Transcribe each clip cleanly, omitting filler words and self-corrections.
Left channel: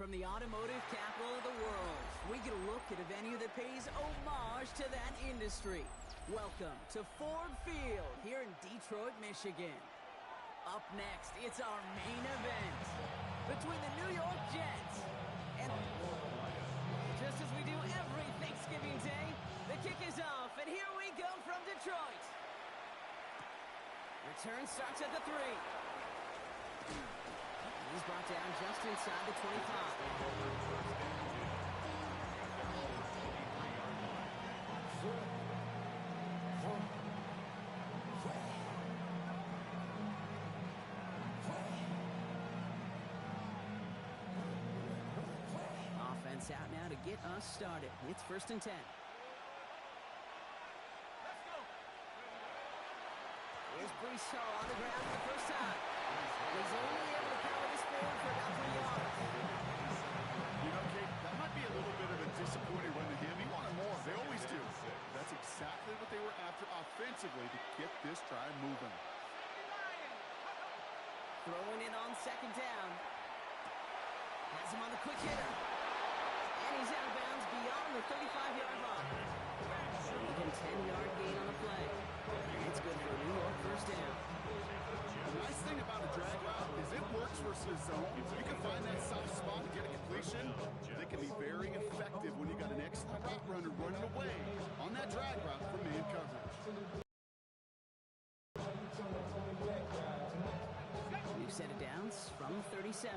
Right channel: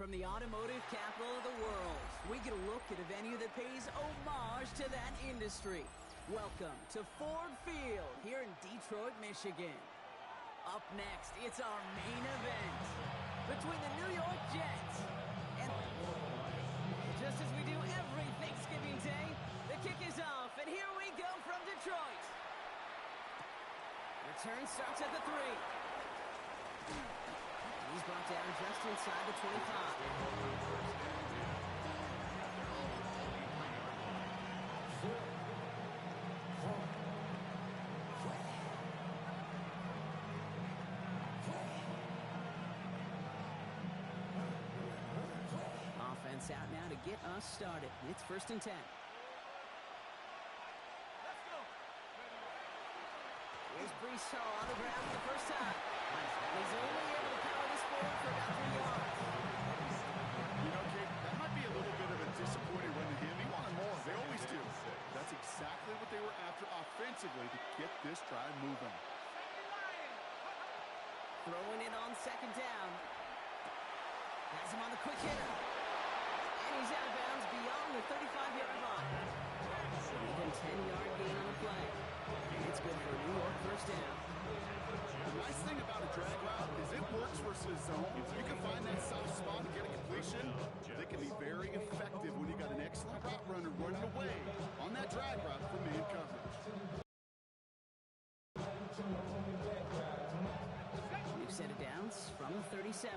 From the automotive capital of the world, we get a look at a venue that pays homage to that industry. Welcome to Ford Field here in Detroit, Michigan. Up next, it's our main event between the New York Jets and... Just as we do every Thanksgiving Day, the kick is off, and here we go from Detroit. Return starts at the 3. He's brought down just inside the 25. Offense out now to get us started. It's 1st and 10. Let's go. Here's Breece Hall on the ground for the first time. He's only able to power this forward for about 3 yards. You know, Kate, that might be a little bit of a disappointing run to him. He wanted more. They always do. That's exactly what they were after offensively to get this drive moving. Throwing it on 2nd down. Has him on the quick hitter. And he's out of bounds beyond the 35-yard line. Even 10-yard gain on the play. And it's good for a New York first down. The nice thing about a drag route is it works versus zone. You can find that soft spot and get a completion. They can be very effective when you got an excellent route runner running away on that drag route from man coverage. New set of downs from 37.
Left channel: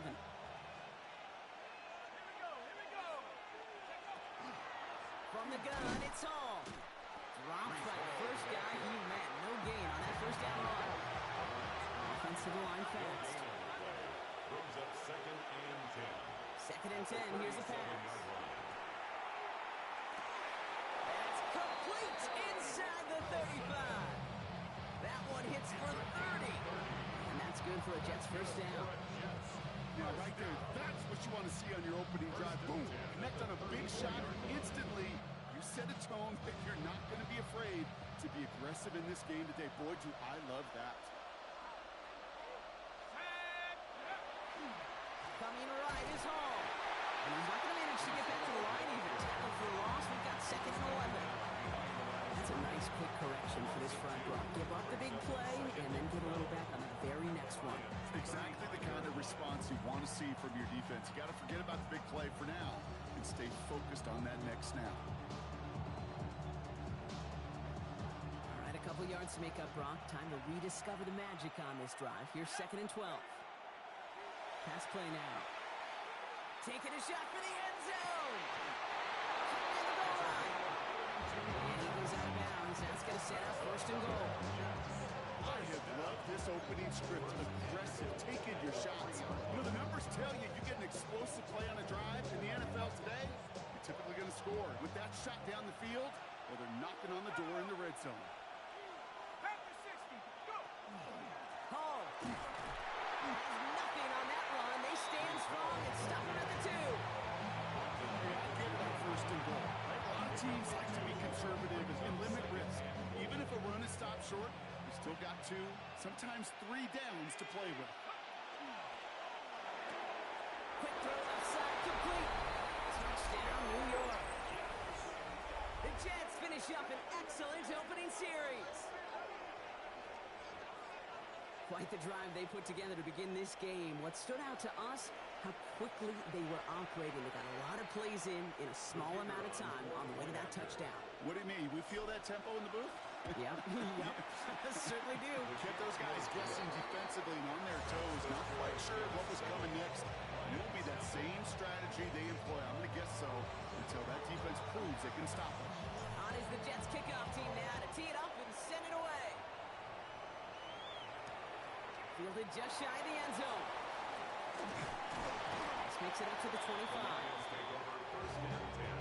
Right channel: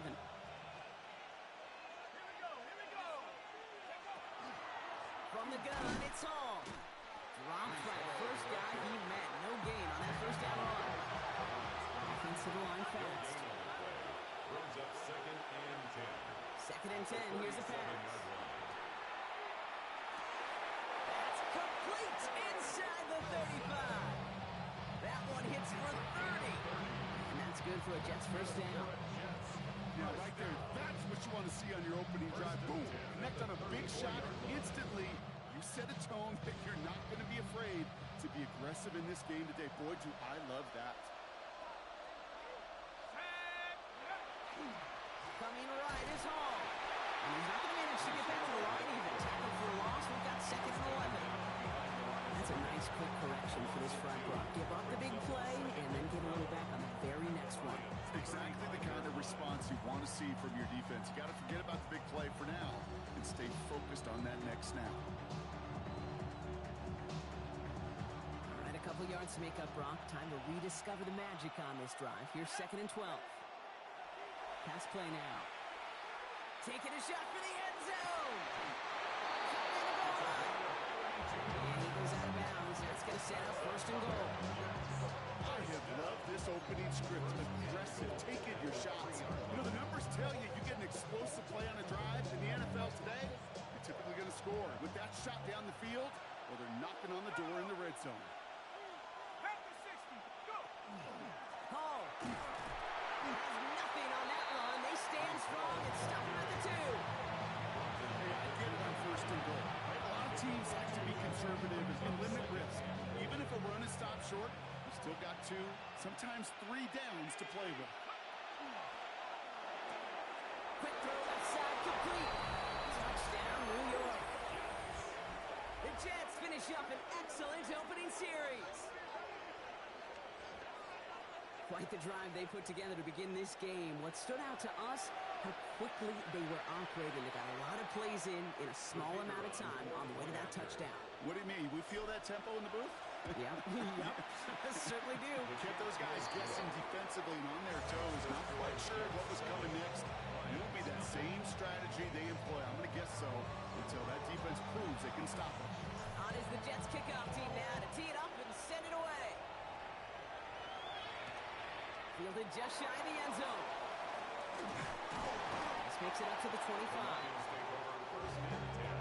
From the gun, it's Hall. Dropped by the first guy he met. No gain on that first down run. Offense to the line fast. Brings up 2nd and 10. 2nd and 10, here's the pass. That's complete inside the 35. That one hits for 30. And that's good for a Jets first down. Now, right there, that's what you want to see on your opening drive. Boom! Connect on a big shot. Instantly, you set a tone that you're not going to be afraid to be aggressive in this game today. Boy, do I love that. Coming right is Hall. And he's not going to manage to get back to the line even. Tackled for a loss. We've got 2nd and 11. That's a nice quick correction for this front row. Give up the big play and then get a little back on the very next one. Exactly the kind of response you want to see from your defense. You got to forget about the big play for now and stay focused on that next snap. All right, a couple yards to make up, Brock. Time to rediscover the magic on this drive. Here's 2nd and 12. Pass play now. Taking a shot for the end zone. In the goal line. And he goes out of bounds. That's going to set up 1st and goal. I have loved this opening script. Aggressive, taking your shots. You know, the numbers tell you you get an explosive play on a drive in the NFL today, you're typically going to score. With that shot down the field, well, they're knocking on the door in the red zone. Back to 60. Go. Hall has nothing on that run. They stand strong and stop him at the 2. Hey, I get it on 1st and goal. Right? A lot of teams like to be conservative and limit risk. Even if a run is stopped short, you still got 2, sometimes 3 downs to play with. Quick throw left side, complete. Touchdown, New York. The Jets finish up an excellent opening series. Quite the drive they put together to begin this game. What stood out to us, how quickly they were operating. They got a lot of plays in a small amount of time on the way to that touchdown. What do you mean? We feel that tempo in the booth? Yep, yep, certainly do. Kept those guys guessing defensively and on their toes, not quite sure what was coming next. It will be that same strategy they employ, I'm going to guess so, until that defense proves they can stop it. On is the Jets kickoff team now to tee it up and send it away. Fielded just shy of the end zone. This makes it up to the 25. Take over 1st and 10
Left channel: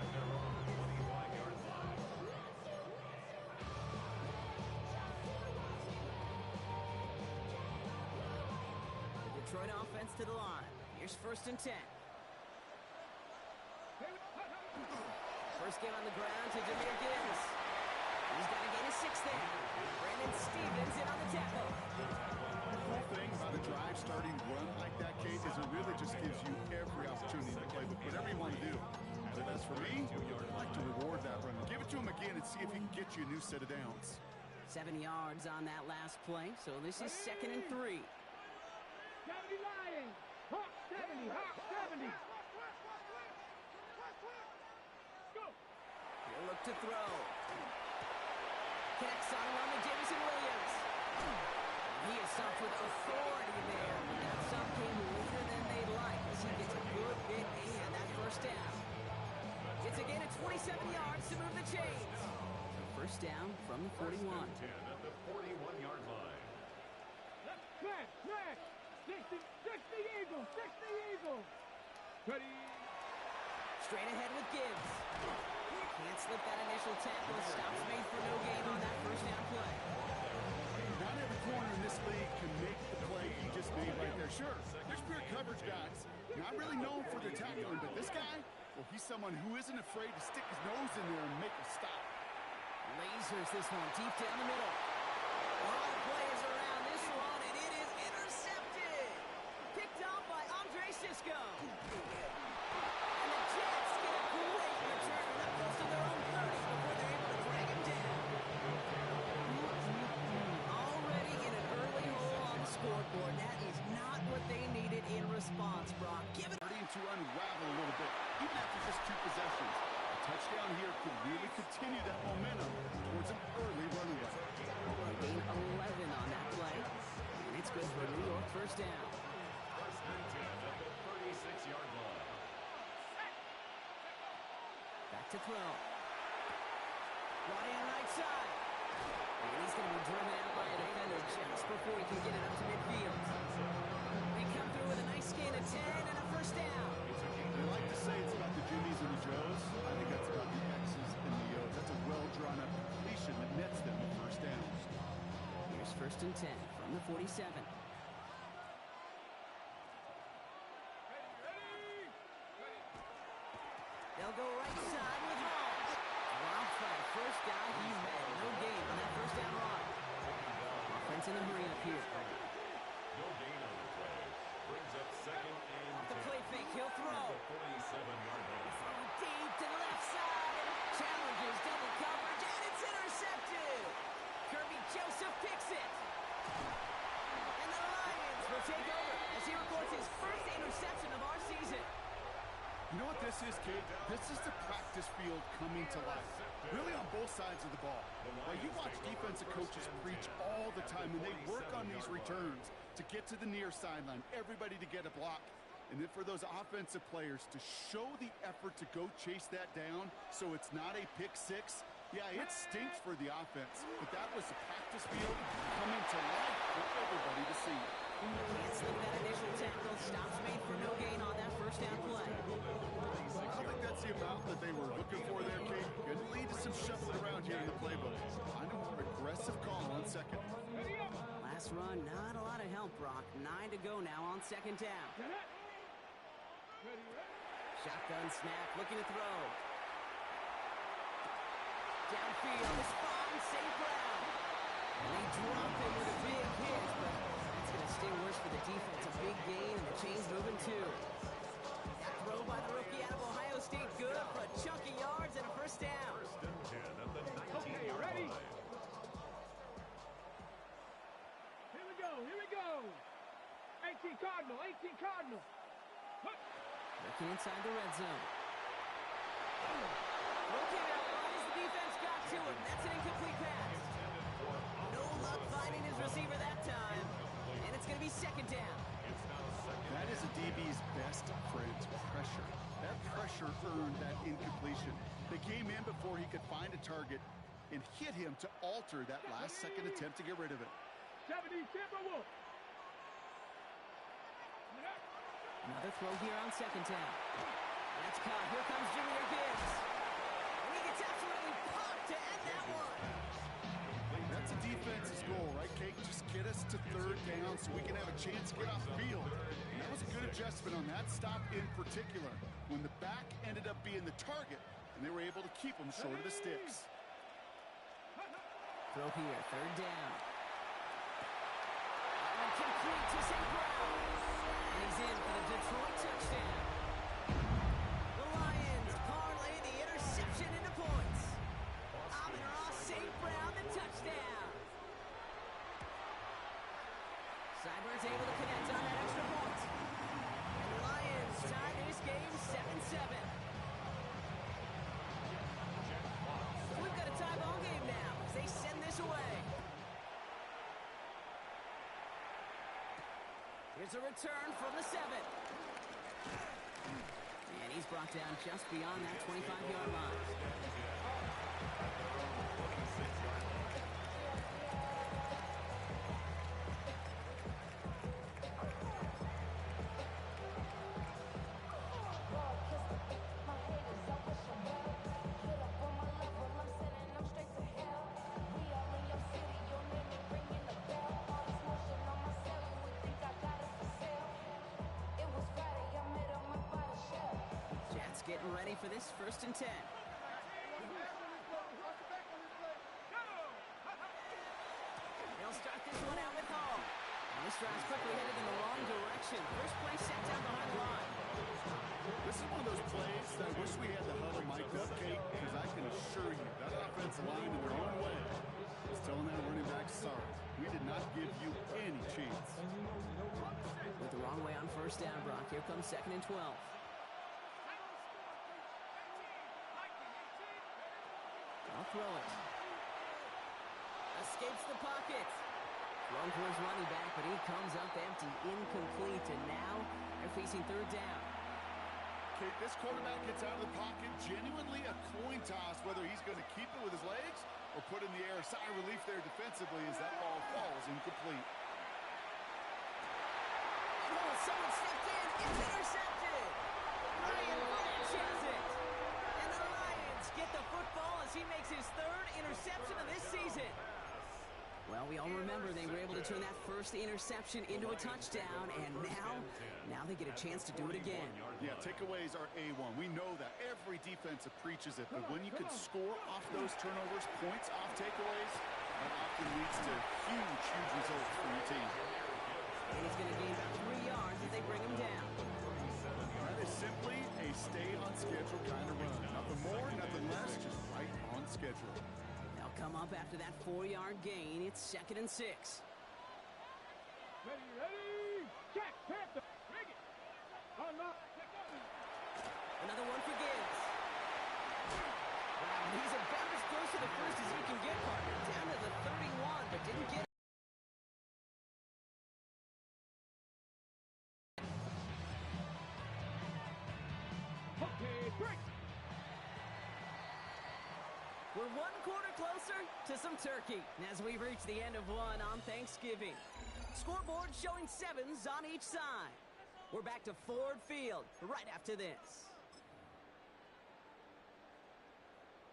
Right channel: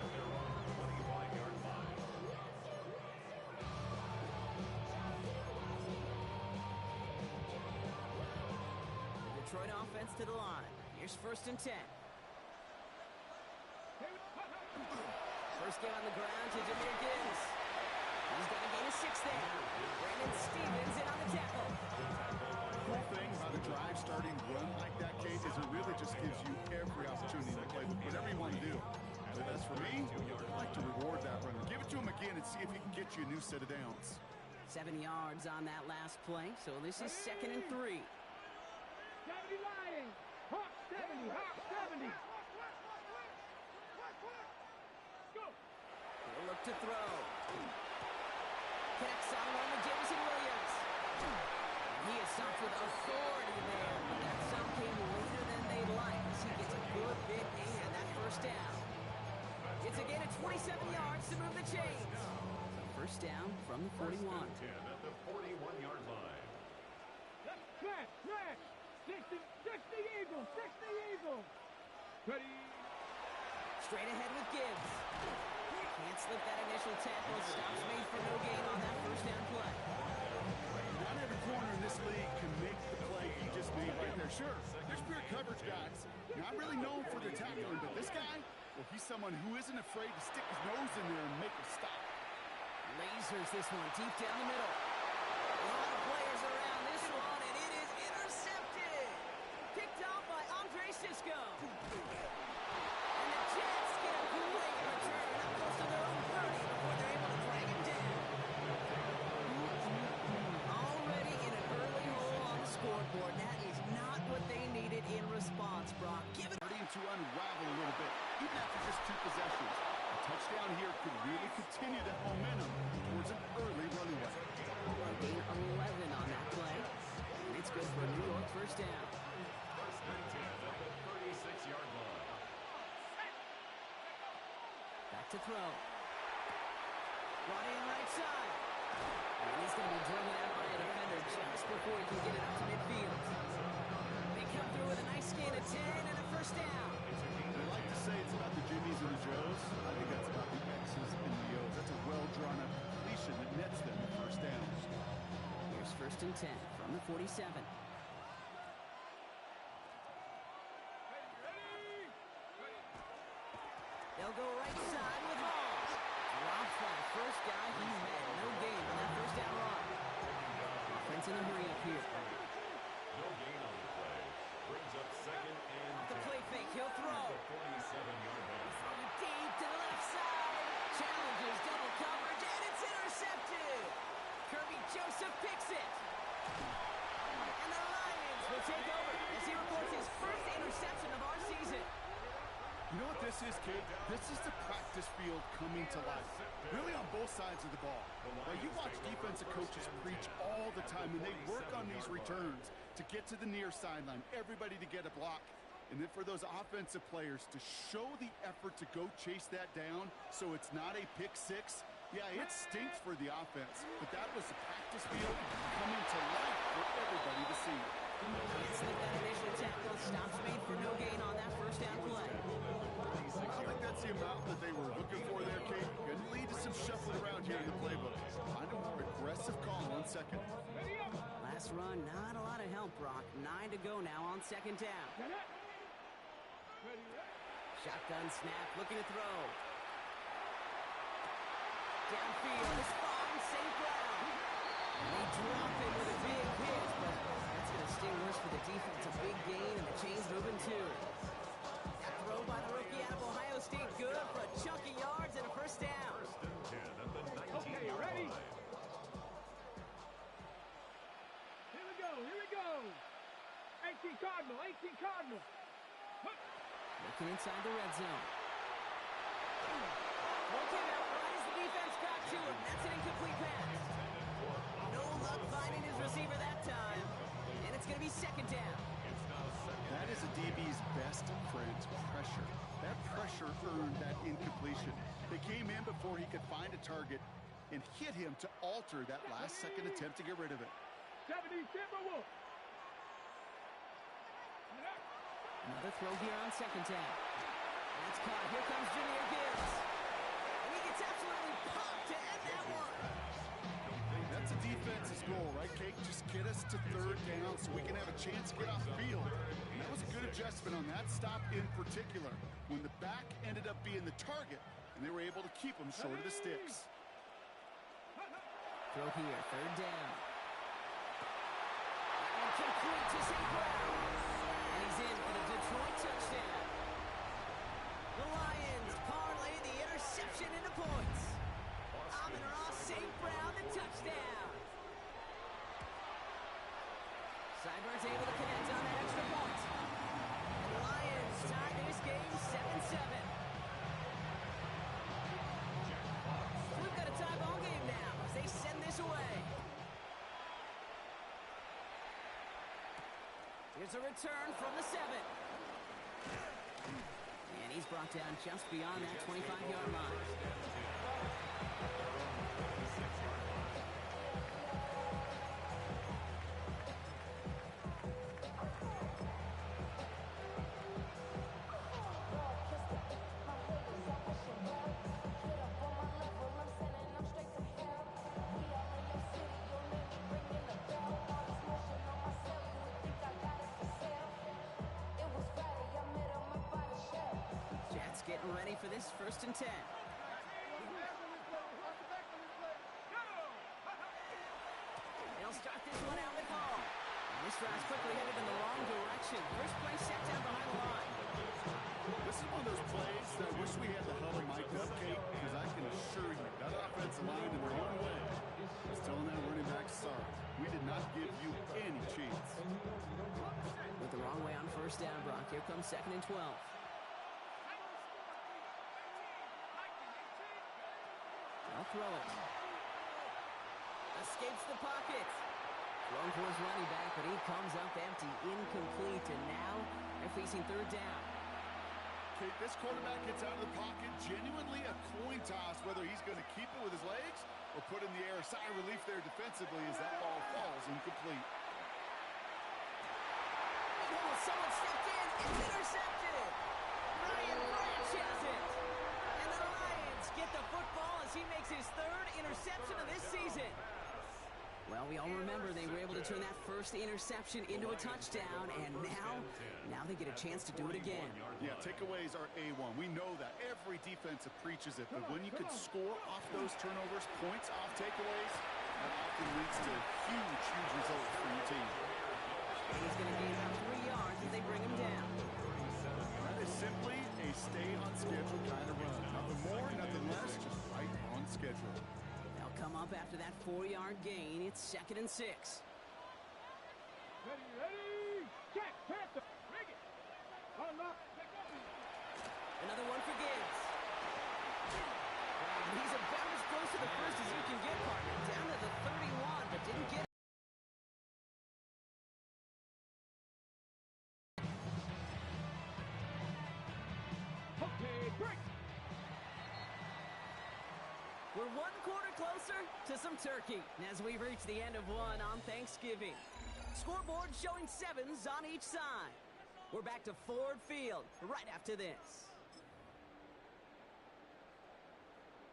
at their own 25-yard line. The Detroit offense to the line. Here's 1st and 10. First game on the ground to Jahmyr Gibbs. He's got a gain of 6 there. Brandon Stevens in on the tackle. cool thing about a drive starting run like that, Kate, is it really just gives you every opportunity to play with whatever you want to do. But as for me, I like to reward that runner. Give it to him again and see if he can get you a new set of downs. 7 yards on that last play, so this is 2nd and 3. 70 Lions! Hawk 70! Hawk 70! Go! He'll look to throw. Connects on one with Jameson Williams. He is stopped with authority there, but that stop came later than they'd like as he gets a good hit and that first down. It's a gain of 27 yards to move the chains. So first down from the 41. 10 at the 41-yard line. Smash! Smash! 60 Eagles! 60 Eagles! Ready! Straight ahead with Gibbs. Can't slip that initial tackle. Stops made for no gain on that first down play. Not every corner in this league can make the play he just made right there. Sure, there's pure coverage guys. Not really known for their tackling, but this guy, well, he's someone who isn't afraid to stick his nose in there and make a stop. Lasers this one deep down the middle. A lot of players around this one, and it is intercepted. Picked off by Andre Sisco. And the Jets get a great return up close to their own 30 before they're able to drag him down. Already in an early hole on the scoreboard. That is not what they needed in response, Brock. Give it Starting to unravel a little bit, even after just 2 possessions. A touchdown here could really continue that momentum towards an early runaway. gain 11 on that play. And it's good for a New York first down. First and 10 at the 36-yard line. Back to throw. Brought in right side. And he's going to be driven out by a defender just before he can get it up to midfield. They come through with a nice gain of 10 and a first down. They like to say it's about the Jimmies and the Joes. I think that's about the X's and the O's. That's a well-drawn-up completion that nets them the first down. Here's first and 10 from the 47. They'll go right side with Holmes. Drops by the first guy he met. No gain on that first down run. Offense in the hurry up here. No gain on the play. Brings up second and Off the 10. play fake, he'll throw. The 47-yard line. Throwing deep to the left side. Challenges double coverage, and it's intercepted. Kirby Joseph picks it. And the Lions will take over as he records his first interception of our season. You know what this is, kid? This is the practice field coming to life. Really on both sides of the ball. Now, you watch defensive coaches preach all the time, and they work on these returns to get to the near sideline, everybody to get a block. And then for those offensive players to show the effort to go chase that down so it's not a pick six. Yeah, it stinks for the offense, but that was the practice field coming to life for everybody to see. Can't slip that initial tackle. Stops made for no gain on that first down play. I don't think that's the amount that they were looking for there, Kate. Going to lead to some shuffling around here in the playbook. Find a more aggressive call on second. Last run, not a lot of help, Brock. 9 to go now on second down. Shotgun snap, looking to throw. Downfield is fine, St. Brown. And they drop him with a big hit, but that's going to sting worse for the defense. A big gain, and the chain's moving too. That throw by the rookie out of Ohio State, good for a chunk of yards and a first down. First and 10 at the 19-yard Okay, ready? line. Here we go, here we go. 18 Cardinal, 18 Cardinal. Looking inside the red zone. Throw came out right as the defense got to him. That's an incomplete pass. No luck finding his receiver that time. And it's going to be second down. That is a DB's best friend, pressure. That pressure earned that incompletion. They came in before he could find a target and hit him to alter that last second attempt to get rid of it. 70 Timberwolves. Another throw here on second down. That's caught. Here comes Jahmyr Gibbs. And he gets absolutely popped to end that one. That's a defense's goal, right, Kate? Just get us to third down so we can have a chance to get off the field. And that was a good adjustment on that stop in particular, when the back ended up being the target, and they were able to keep him short of the sticks. Throw here, third down. That And complete to St. Brown. And he's in for the Detroit touchdown. The Lions parlay the interception into points. Amon-Ra St. Brown, the touchdown. Seibert's able to connect on that extra point. And the Lions tie this game 7-7. We've got a tie ball game now as they send this away. Here's a return from the 7. And he's brought down just beyond that 25-yard line. Getting ready for this 1st and 10. They'll start this one out with Hall. And this drive's quickly headed in the wrong direction. First play set down behind the line. This is one of those plays that I wish we had the huddle mic'd up, Kate, because I can assure you that offensive line in their own way is telling that running back, sorry, we did not give you any chance. Went the wrong way on 1st down, Brock. Here comes 2nd and 12. I'll throw it. Escapes the pocket. Thrown for his running back, but he comes up empty, incomplete, and now they're facing 3rd down. Kate, this quarterback gets out of the pocket, genuinely a coin toss whether he's going to keep it with his legs or put in the air. Sigh of relief there defensively as that ball falls incomplete. Oh, someone stepped in. It's intercepted. Ryan Branch has it. And the Lions get the football as he makes his 3rd interception of this season. Well, we all remember they were able to turn that first interception into a touchdown, and now they get a chance to do it again. Yeah, takeaways are A1. We know that. Every defense preaches it, but when you can score off those turnovers, points off takeaways, that often leads to huge results for your team. And he's going to gain about 3 yards as they bring him down. That is simply a stay-on-schedule kind of run. Nothing more, nothing less, just right on schedule. They'll come up after that 4-yard gain. It's 2nd and 6. Ready, check, Panther, rig it. Unlock, take over. Another one for Gibbs. Wow, he's about as close to the first as you can get, partner. Down to the 31, but didn't get it. Okay, break. We're 1 quarter closer to some turkey as we've reached the end of one on Thanksgiving. Scoreboard showing 7s on each side. We're back to Ford Field right after this.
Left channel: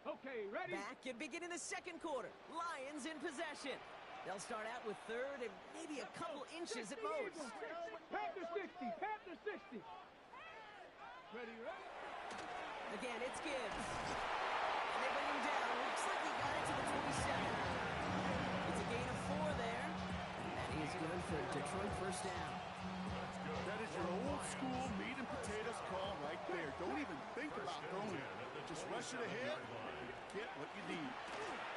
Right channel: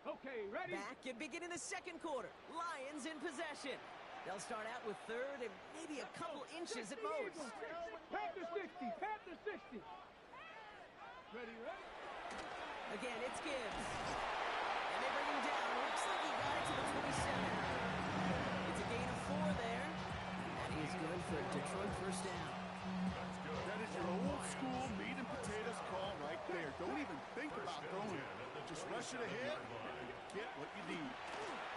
Okay, ready? Back and beginning the 2nd quarter. Lions in possession. They'll start out with 3rd and maybe a couple inches at most. Panther 60, Panther 60. Ready? Again, it's Gibbs. And they bring him down. Looks like he got it to the 27. It's a gain of 4 there. And that is good for a Detroit 1st down. That is your old school meat and potatoes call right there. Don't even think about throwing it. Just rush it ahead and get what you need.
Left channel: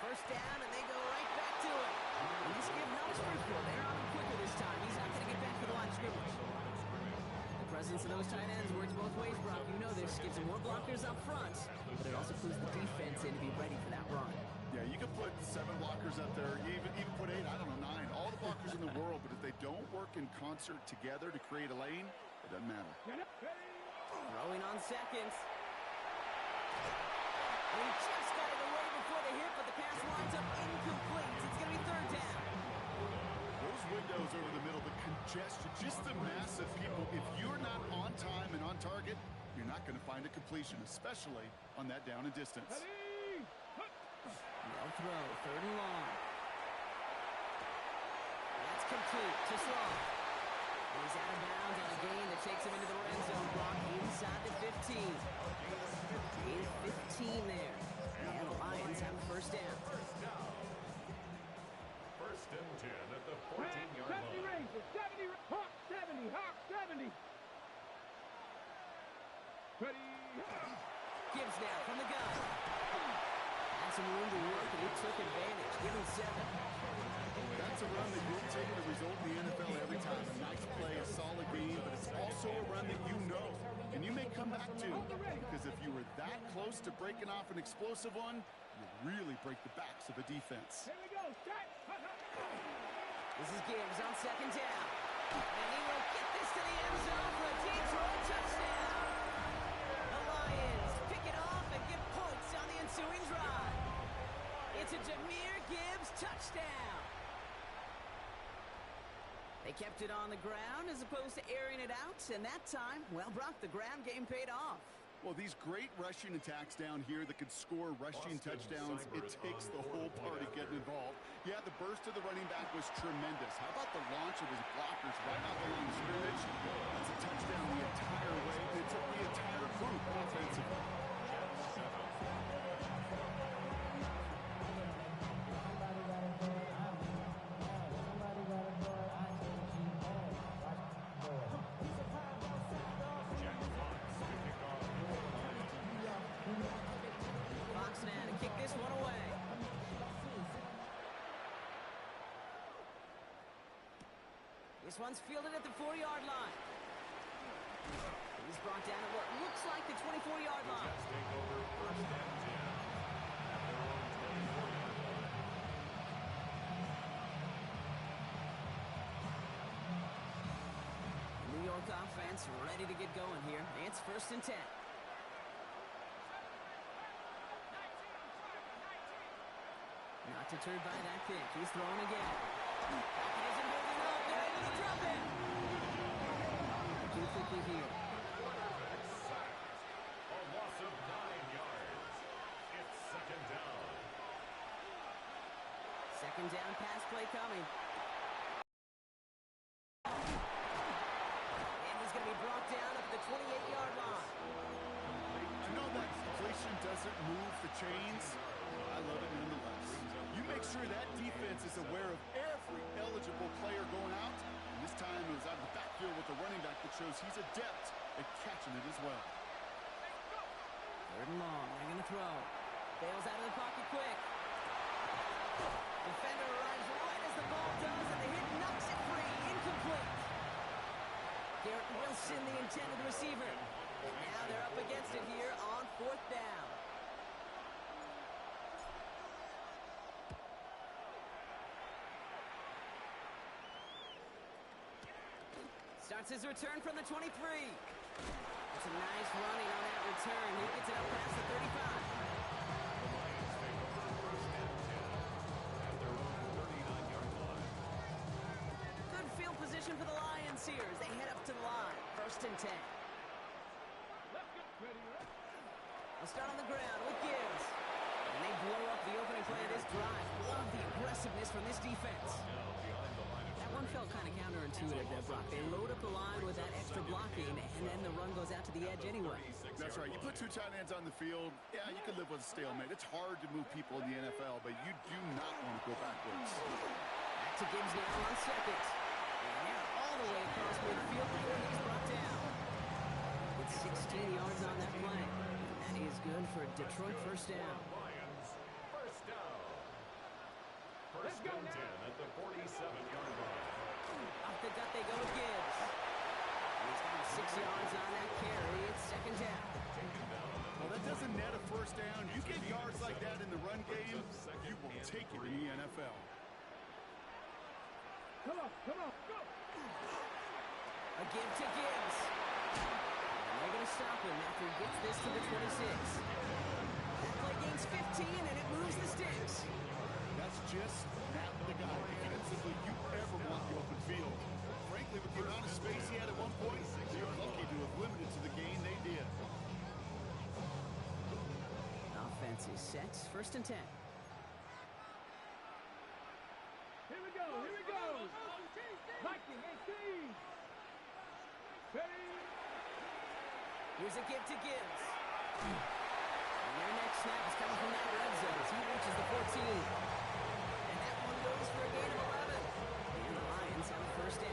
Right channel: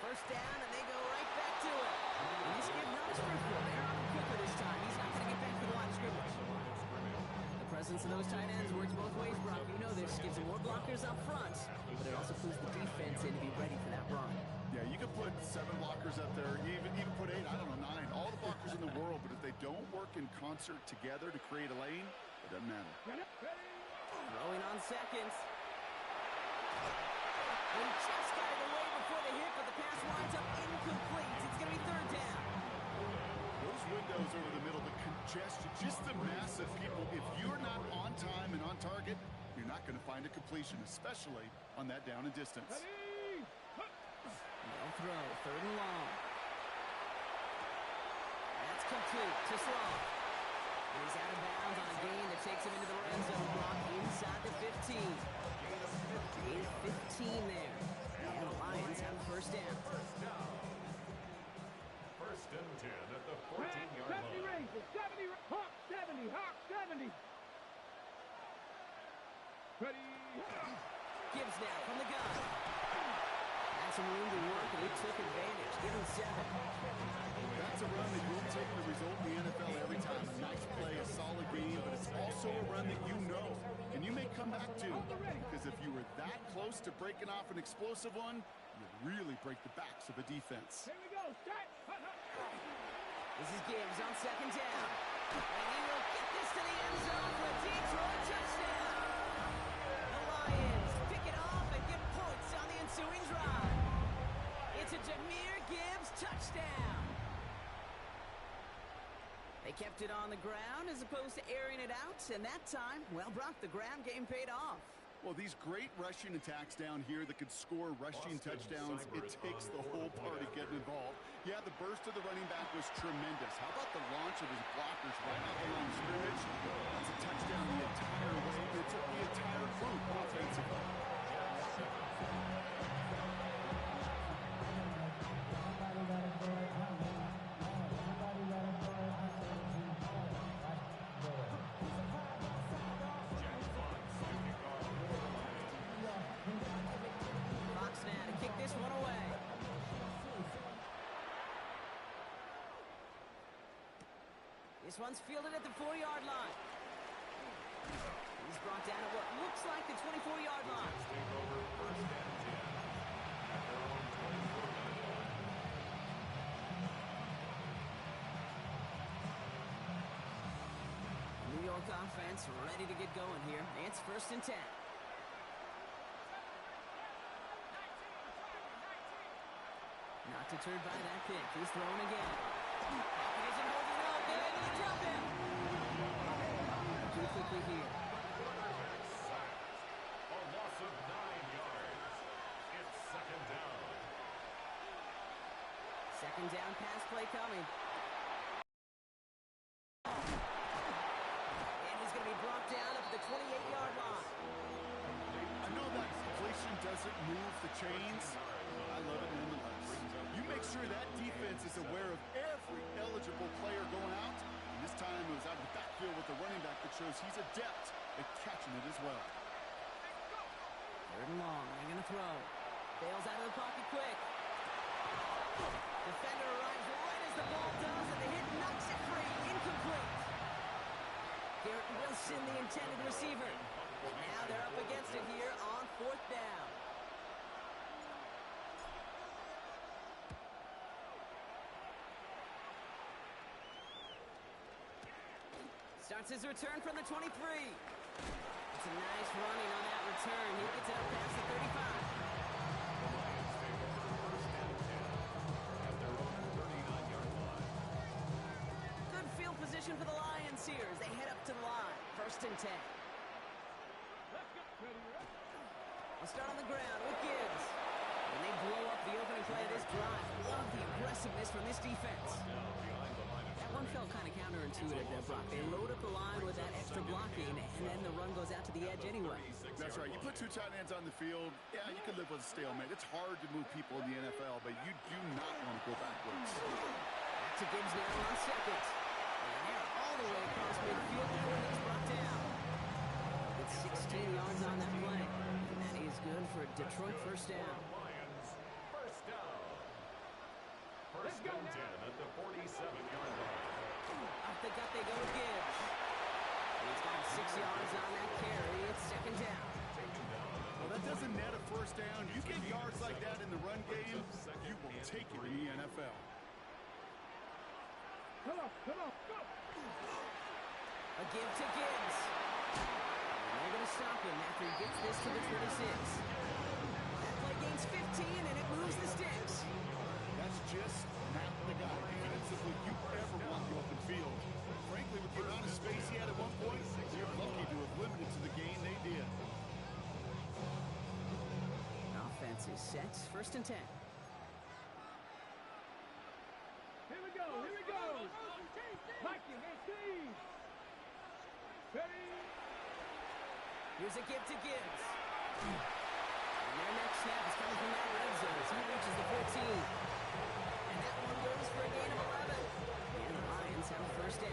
1st down, and they go right back to it. And this give not as fruitful. They're on him quicker this time. He's not going to get back to the line of scrimmage. The presence of those tight ends works both ways, Brock. You know this. Gives them more blockers up front, but it also puts the defense in to be ready for that run. Yeah, you can put 7 blockers up there, even put 8, I don't know, 9. All the blockers in the world, but if they don't work in concert together to create a lane, it doesn't matter. Throwing on 2nd. And he just got it away before the hit, but the pass winds up incomplete. It's going to be 3rd down. Those windows over the middle, the congestion, just the mass of people. If you're not on time and on target, you're not going to find a completion, especially on that down and distance. They'll throw 3rd and long. That's complete to Slaw. And he's out of bounds on a gain that takes him into the red zone. Brock inside the 15. Gain of 15 there. And the Lions have a 1st down. First and 10 at the 14-yard 70 line. ranges, 70, Hawk 70, Hawk 70. Ready, Gibbs now from the gun. Had some room to work, and he took advantage. Give him 7. That's a run that will take the result in the NFL every time. A nice play, a solid game, but it's also a run that you know, and you may come back to. Because if you were that close to breaking off an explosive one, you really break the backs of a defense. here we go, start. This is Gibbs on 2nd down. And he will get this to the end zone for a Detroit touchdown. The Lions pick it off and get points on the ensuing drive. It's a Jahmyr Gibbs touchdown. They kept it on the ground as opposed to airing it out, and that time, well, Brock, the ground game paid off. Well, these great rushing attacks down here that could score rushing touchdowns, it takes the whole party getting involved. Yeah, the burst of the running back was tremendous. How about the launch of his blockers right off the line of scrimmage? That's a touchdown the entire way, and it took the entire group offensively. Fox now to kick this one away. This one's fielded at the 4-yard line. He's brought down at what looks like the 24-yard line. Jets take over first and 10 at their own 24-yard line. New York offense ready to get going here. It's 1st and 10. Not deterred by that pick. He's throwing again. Pocket isn't holding up. They're able to drop it. Too quickly here. Quarterback sacked. A loss of 9 yards. It's 2nd down. 2nd down pass play coming. And he's going to be brought down up at the 28-yard line. I know that completion doesn't move the chains. I love it nonetheless. You make sure that defense is aware of every eligible player going out. And this time it was out of the backfield with the running back that shows he's adept at catching it as well. 3rd and long. They're going to throw. Bails out of the pocket quick. Defender arrives right as the ball does, and the hit knocks it free. Incomplete. Garrett Wilson, the intended receiver. And now they're up against it here on 4th down. Starts his return from the 23. It's a nice running on that return. He gets it up past the 35. The Lions take over first and 10 at their own 39-yard line. Good field position for the Lions here as they head up to the line. 1st and 10. Let's go. Ready, I'll start on the ground with Gibbs. And they blow up the opening play of this drive. Love the aggressiveness from this defense. Now behind the line of That one felt kind of counterintuitive there, Brock. They load up the line with that extra blocking, and then the run goes out to the edge anyway. That's right. You put 2 tight ends on the field, yeah, you can live with a stalemate. It's hard to move people in the NFL, but you do not want to go backwards. Back to Gibbs now on 2nd. And they're all the way across midfield before he's brought down. It's 16 yards on that play. And that is good for a Detroit 1st down. Lions, first down. First and 10 at the 47-yard line. Off the gut they go with Gibbs. And he's got 6 yards on that carry. It's 2nd down. Taken down at Well, that doesn't net a 1st down. You get yards like that in the run game, you will take it in the NFL. Come on, go. A give to Gibbs. And they're going to stop him after he gets this to the 26. That play gains 15, and it moves the sticks. That's just not the guy defensively you ever want the open field. Frankly, with the amount of space he had at one point, you're lucky to have limited to the gain they did. Offense is set. 1st and 10. Here we go. Viking 18. Ready. Here's a give to Gibbs. And their next snap is coming from that red zone as he reaches the 14. And that one goes passes for a gain of 11. And the Lions have a first down.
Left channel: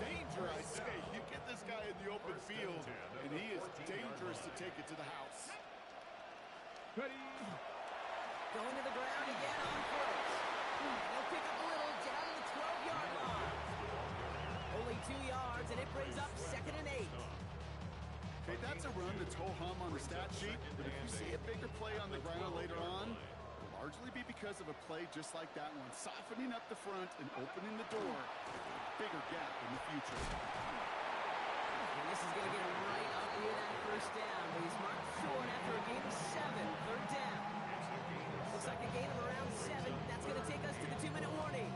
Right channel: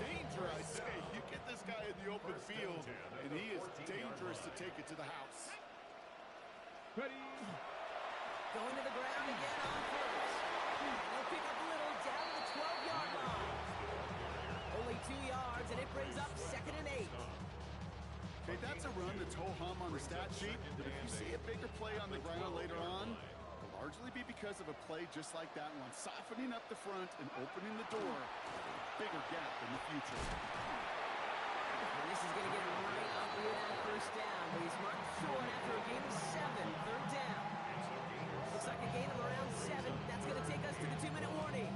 Danger, I say. You get this guy in the open field, and he is dangerous to take it to the house. Ready. Going to the ground again on first. And he'll pick up a little down to the 12-yard line. Only 2 yards, and it brings up 2nd and 8. Okay, that's a run that's ho-hum on the stat sheet, but if you see a bigger play on the ground later on, it'll largely be because of a play just like that one, softening up the front and opening the door for a bigger gap in the future. And this is going to get him right up near that first down, but he's marked short after a gain of 7, 3rd down. Looks like a gain of around 7. That's going to take us to the 2-minute warning.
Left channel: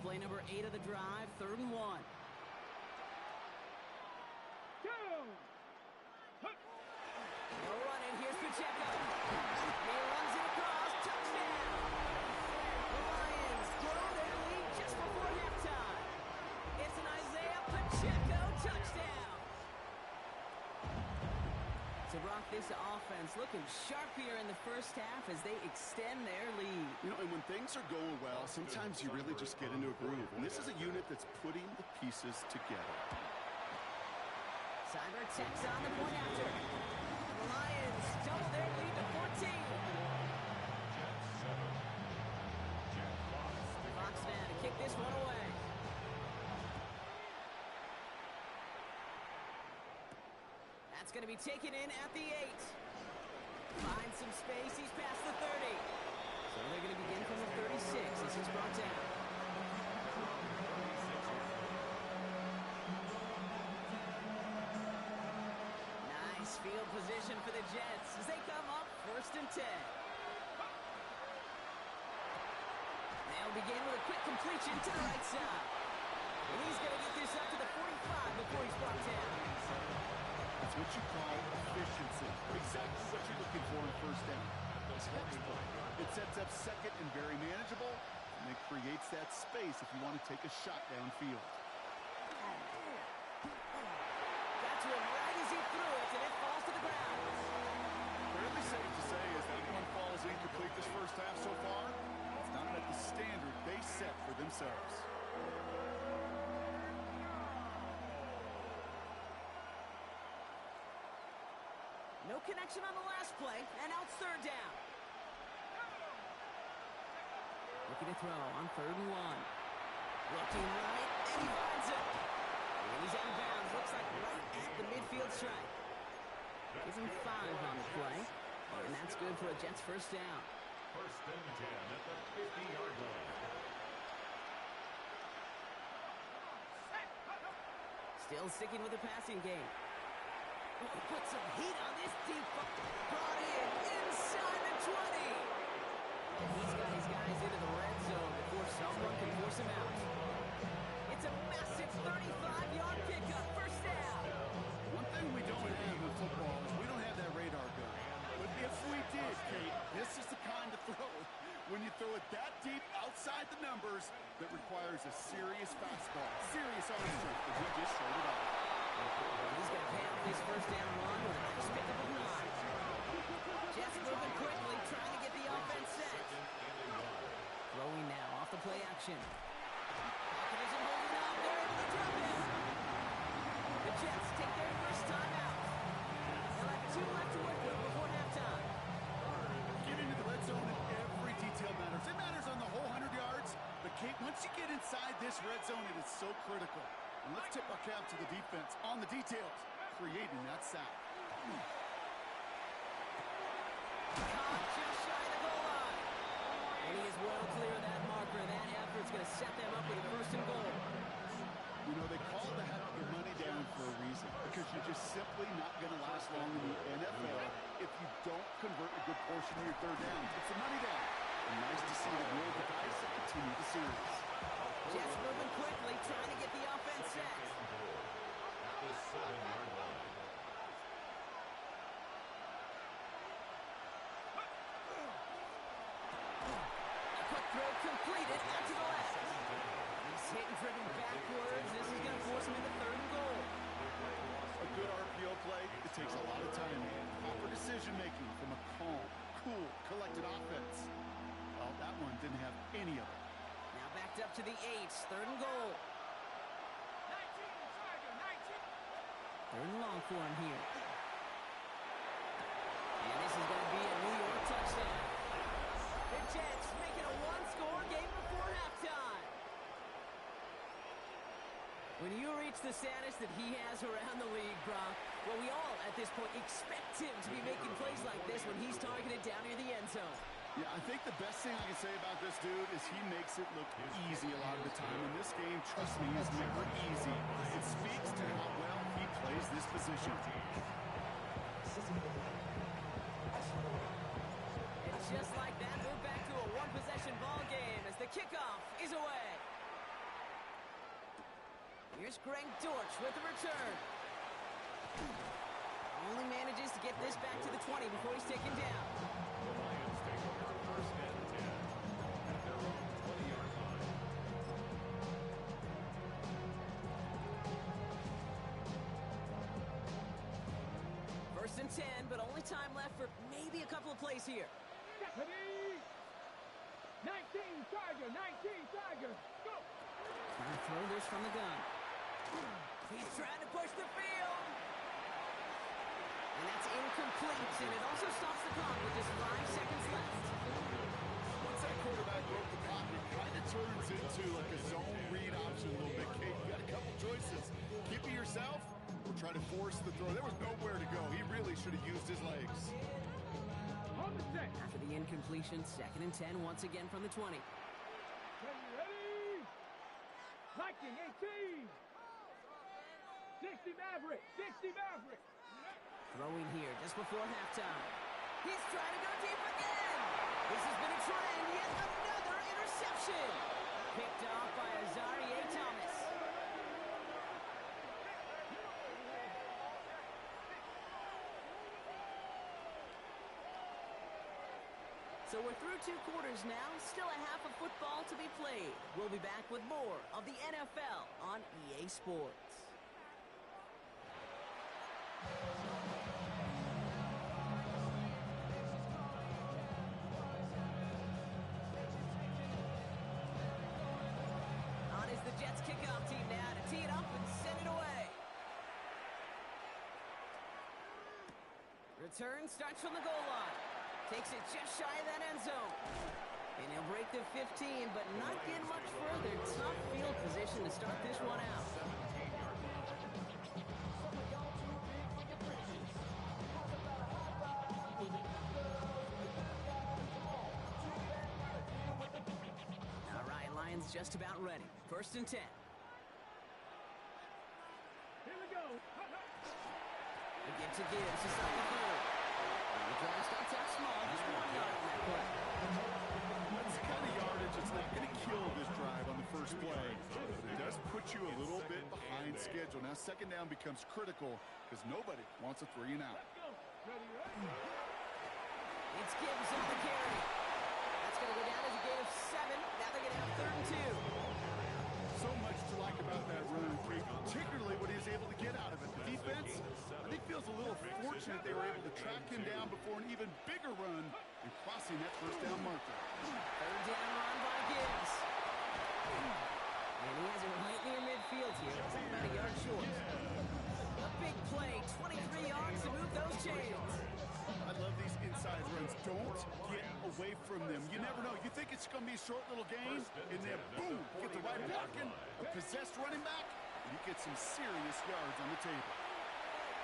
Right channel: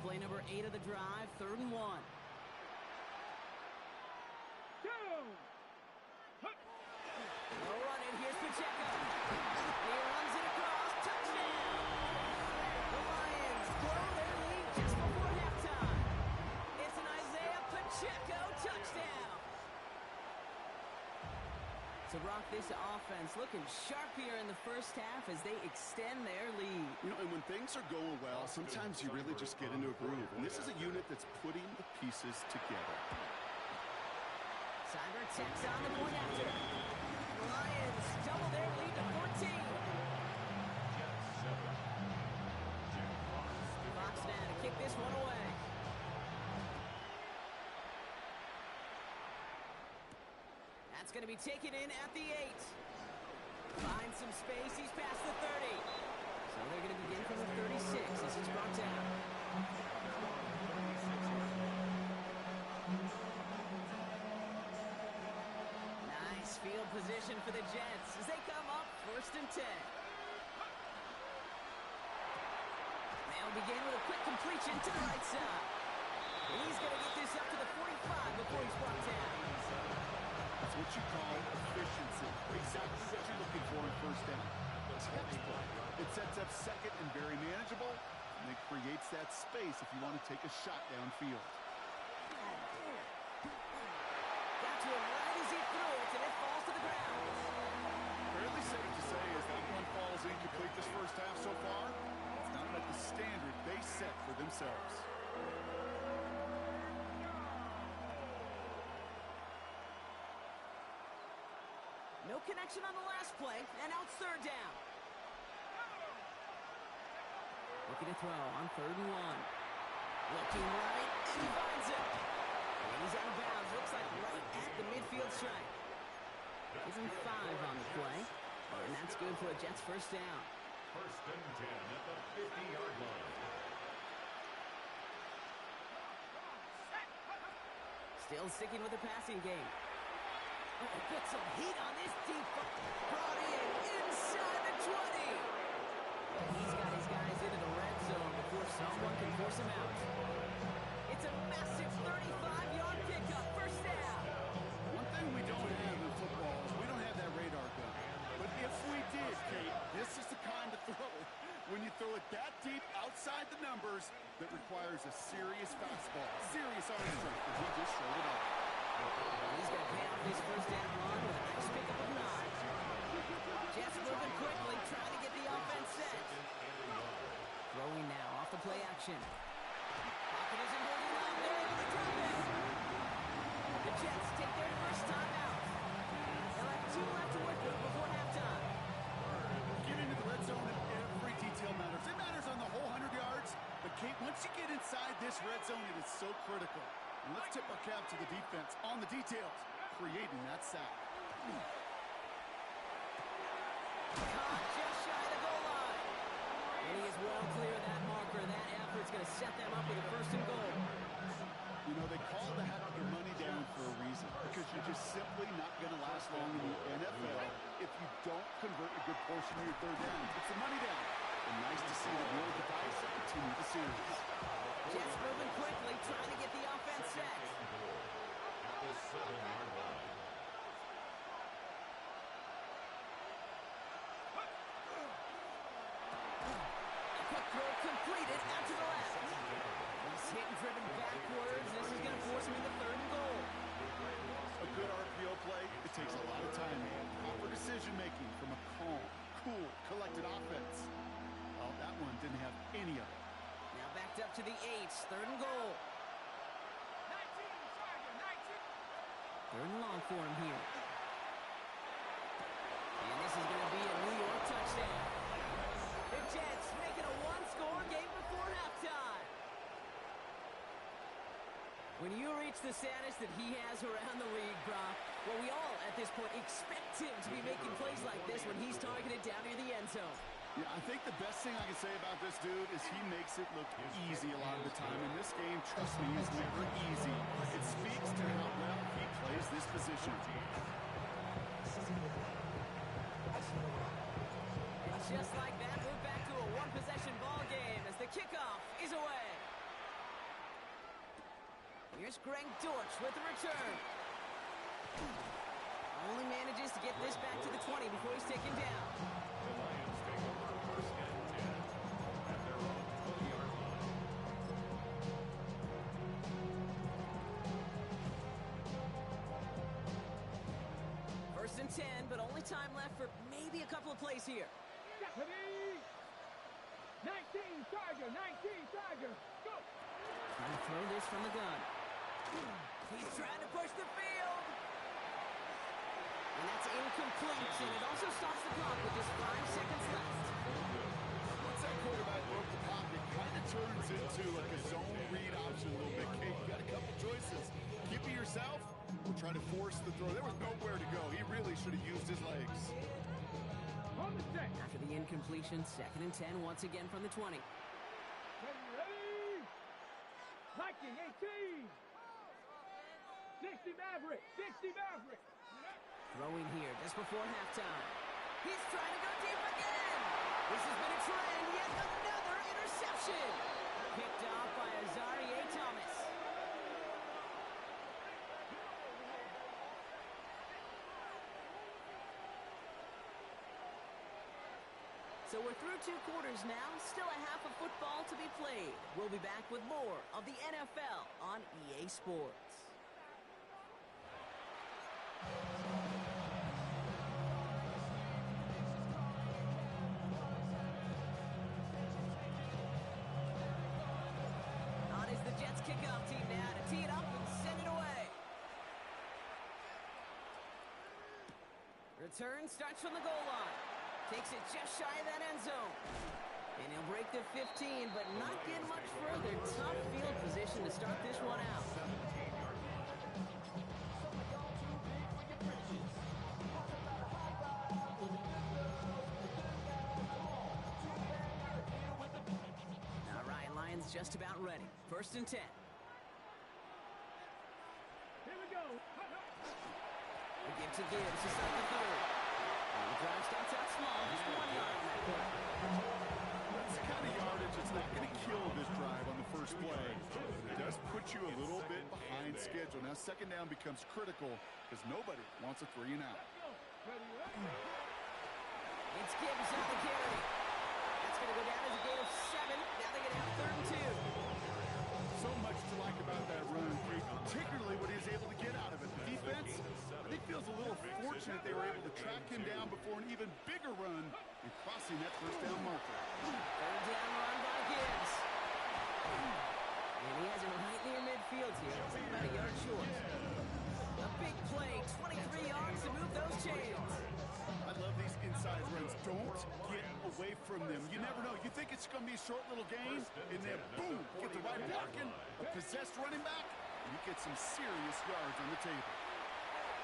Play number 8 of the drive, 3rd and 1. Go. No running. Here's Pacheco. He runs it across. Touchdown. The Lions grow their lead just before halftime. It's an Isaiah Pacheco touchdown. To rock this offense, looking sharp here in the first half as they extend their lead. You know, and when things are going well, sometimes you really just get into a groove. And this is a unit that's putting the pieces together. Cyber tacks on the point after. The Lions double their lead to 14. Fox now to kick this one away. That's going to be taken in at the 8. Finds some space. He's past the 30. So they're going to begin from the 36 as he's brought down. Nice field position for the Jets as they come up 1st and 10. They'll begin with a quick completion to the right side. And he's going to get this up to the 45 before he's brought down. That's what you call efficiency. Exactly what you're looking for in 1st down. Textbook. It sets up 2nd and very manageable, and it creates that space if you want to take a shot downfield. Got to him right as he threw it, and it falls to the ground. Fairly safe to say as that one falls incomplete this first half so far, it's not met the standard they set for themselves. No connection on the last play, and now it's 3rd down. Looking to throw on 3rd and 1. Looking right, and he finds it. And he's out of bounds. Looks like right at the midfield stripe. Gives him 5 on the play, and that's good for a Jets first down. 1st and 10 at the 50-yard line. Still sticking with the passing game. Oh, put some heat on this deep ball. Brought in inside the 20. And he's got his guys into the red zone before someone can force him out. It's a massive 35-yard pickup. First down. One thing we don't have in football is we don't have that radar gun. But if we did, Kate, this is the kind of throw when you throw it that deep outside the numbers that requires a serious fastball, serious arm strength, and he just showed it off. He's going to pay off this first down run with a nice pickup of 9. Jets moving quickly, trying to get the offense set. Throwing now off the play action. Pocket isn't holding up. They're able to drop it. The Jets take their first time out. They'll have 2 left to work with before halftime. Get into the red zone and every detail matters. It matters on the whole 100 yards. But, Kate, once you get inside this red zone, it is so critical. And let's tip our cap to the defense on the details, creating that sack. Caught just shy of the goal line. And he is well clear of that marker. That effort's going to set them up with a 1st and goal. You know, they call the heck of the money down for a reason, because you're just simply not going to last long in the NFL if you don't convert a good portion of your 3rd down. It's the money down. And nice to see them roll the dice and continue the series. Jets moving quickly, trying to get the offense set. At the 7-yard line. A quick throw completed out to the left. He hit and driven backwards. This is going to force him into third and goal. A good RPO play, it takes a lot of time. Proper decision-making from a calm, cool, collected offense. Well, that one didn't have any of it. Now backed up to the 8, third and goal. 19, Tiger, 19. Third and long for him here. And this is going to be a New York touchdown. The Jets make it a one-score game before halftime. When you reach the status that he has around the league, Brock, well, we all at this point expect him to be making plays like this when he's targeted down near the end zone. Yeah, I think the best thing I can say about this dude is he makes it look easy a lot of the time. And this game, trust me, is never easy. It speaks to how well he plays this position. And just like that, we're back to a one-possession ball game as the kickoff is away. Here's Greg Dortch with the return. Only manages to get this back to the 20 before he's taken down. The Lions take over first and 10 at their own 20-yard line. First and 10, but only time left for maybe a couple of plays here. Deputy. 19, Tiger, 19, Tiger. Go. Trying to throw this from the gun. He's trying to push the field. And that's incomplete, and it also stops the clock with just 5 seconds left. Once that quarterback broke the pocket, it kind of turns into like a zone read option a little bit. Kate, you got a couple choices. Keep it yourself or try to force the throw. There was nowhere to go. He really should have used his legs. On the set. After the incompletion, second and 10 once again from the 20. Ready. Viking 18. 60 Maverick. 60 Maverick. Throwing here just before halftime. He's trying to go deep again. This has been a trend. Yet another interception. Picked off by Azareye'h Thomas. So we're through 2 quarters now. Still a half of football to be played. We'll be back with more of the NFL on EA Sports. On is the Jets kickoff team now to tee it up and send it away. Return starts from the goal line. Takes it just shy of that end zone. And he'll break the 15, but not get much further. Tough field position to start this one out. 17-yard line. All right, Lions just about ready. First and 10. Here we go. A give to Gibbs to start the third. And the drive starts out small, just 1 yard on that play. That's the kind of yardage that's not going to kill this drive on the first play. But it does put you a little bit behind schedule. Now second down becomes critical because nobody wants a 3 and out. Let's go. Ready. It's Gibbs on the carry. That's going to go down as a gain of 7. Now they get out third and 2. So much to like about that run, particularly what he was able to get out of it. The defense, I think, feels a little fortunate they were able to track him down before an even bigger run and crossing that first down marker. Third down run by Gibbs. And he has it right near midfield here. It's about a yard short. A big play, 23 yards to move those chains. I love these inside runs. Don't get away from them. You never know. You think it's going to be a short little gain, and then boom, get the right blocking, a possessed running back, and you get some serious yards on the table.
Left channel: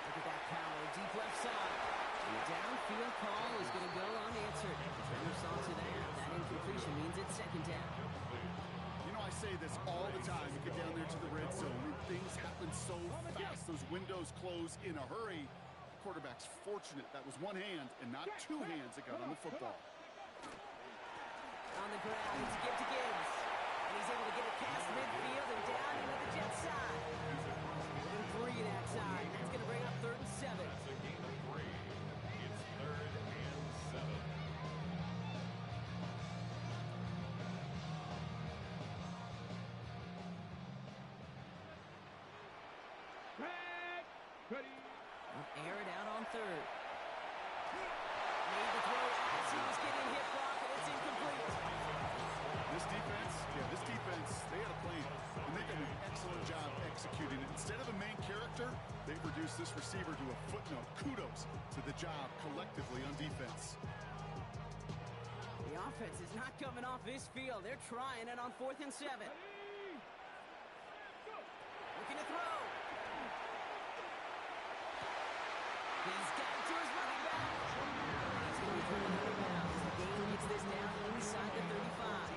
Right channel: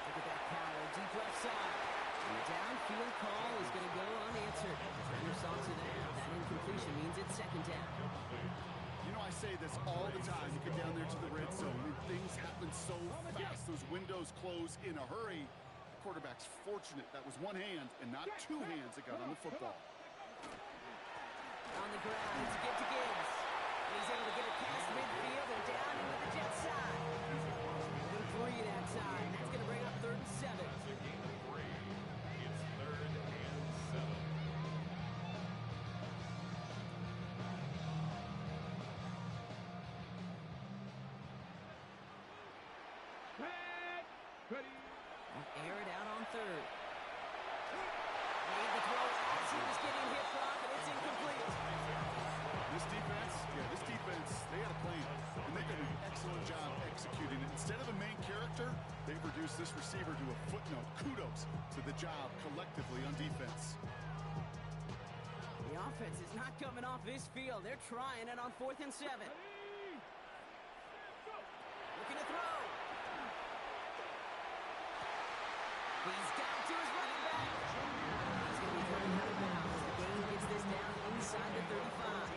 Look at that power, deep left side. And the downfield call is going to go unanswered. Defender saw to that. That incompletion means it's second down. You know, I say this all the time. You get down there to the red zone, and things happen so fast. Those windows close in a hurry. The quarterback's fortunate that was one hand and not 2 hands that got on the football. On the ground, it's a give to Gibbs. And he's able to get it past midfield and down into the Jets side. And 3 that time. That's going to bring up third and 7. It's a gain of 3. It's third and 7. Ready. Will air it out on third. Made the throw as he was getting hit, Brock, and it's incomplete. This defense, they had a plan, and they did an excellent job executing it. Instead of a main character, they've reduced this receiver to a footnote. Kudos to the job collectively on defense. The offense is not coming off this field. They're trying it on 4th and 7. Ready. Go. Looking to throw. He's got it to his running back. He's going to be thrown out of bounds. The game gets this down inside the 35.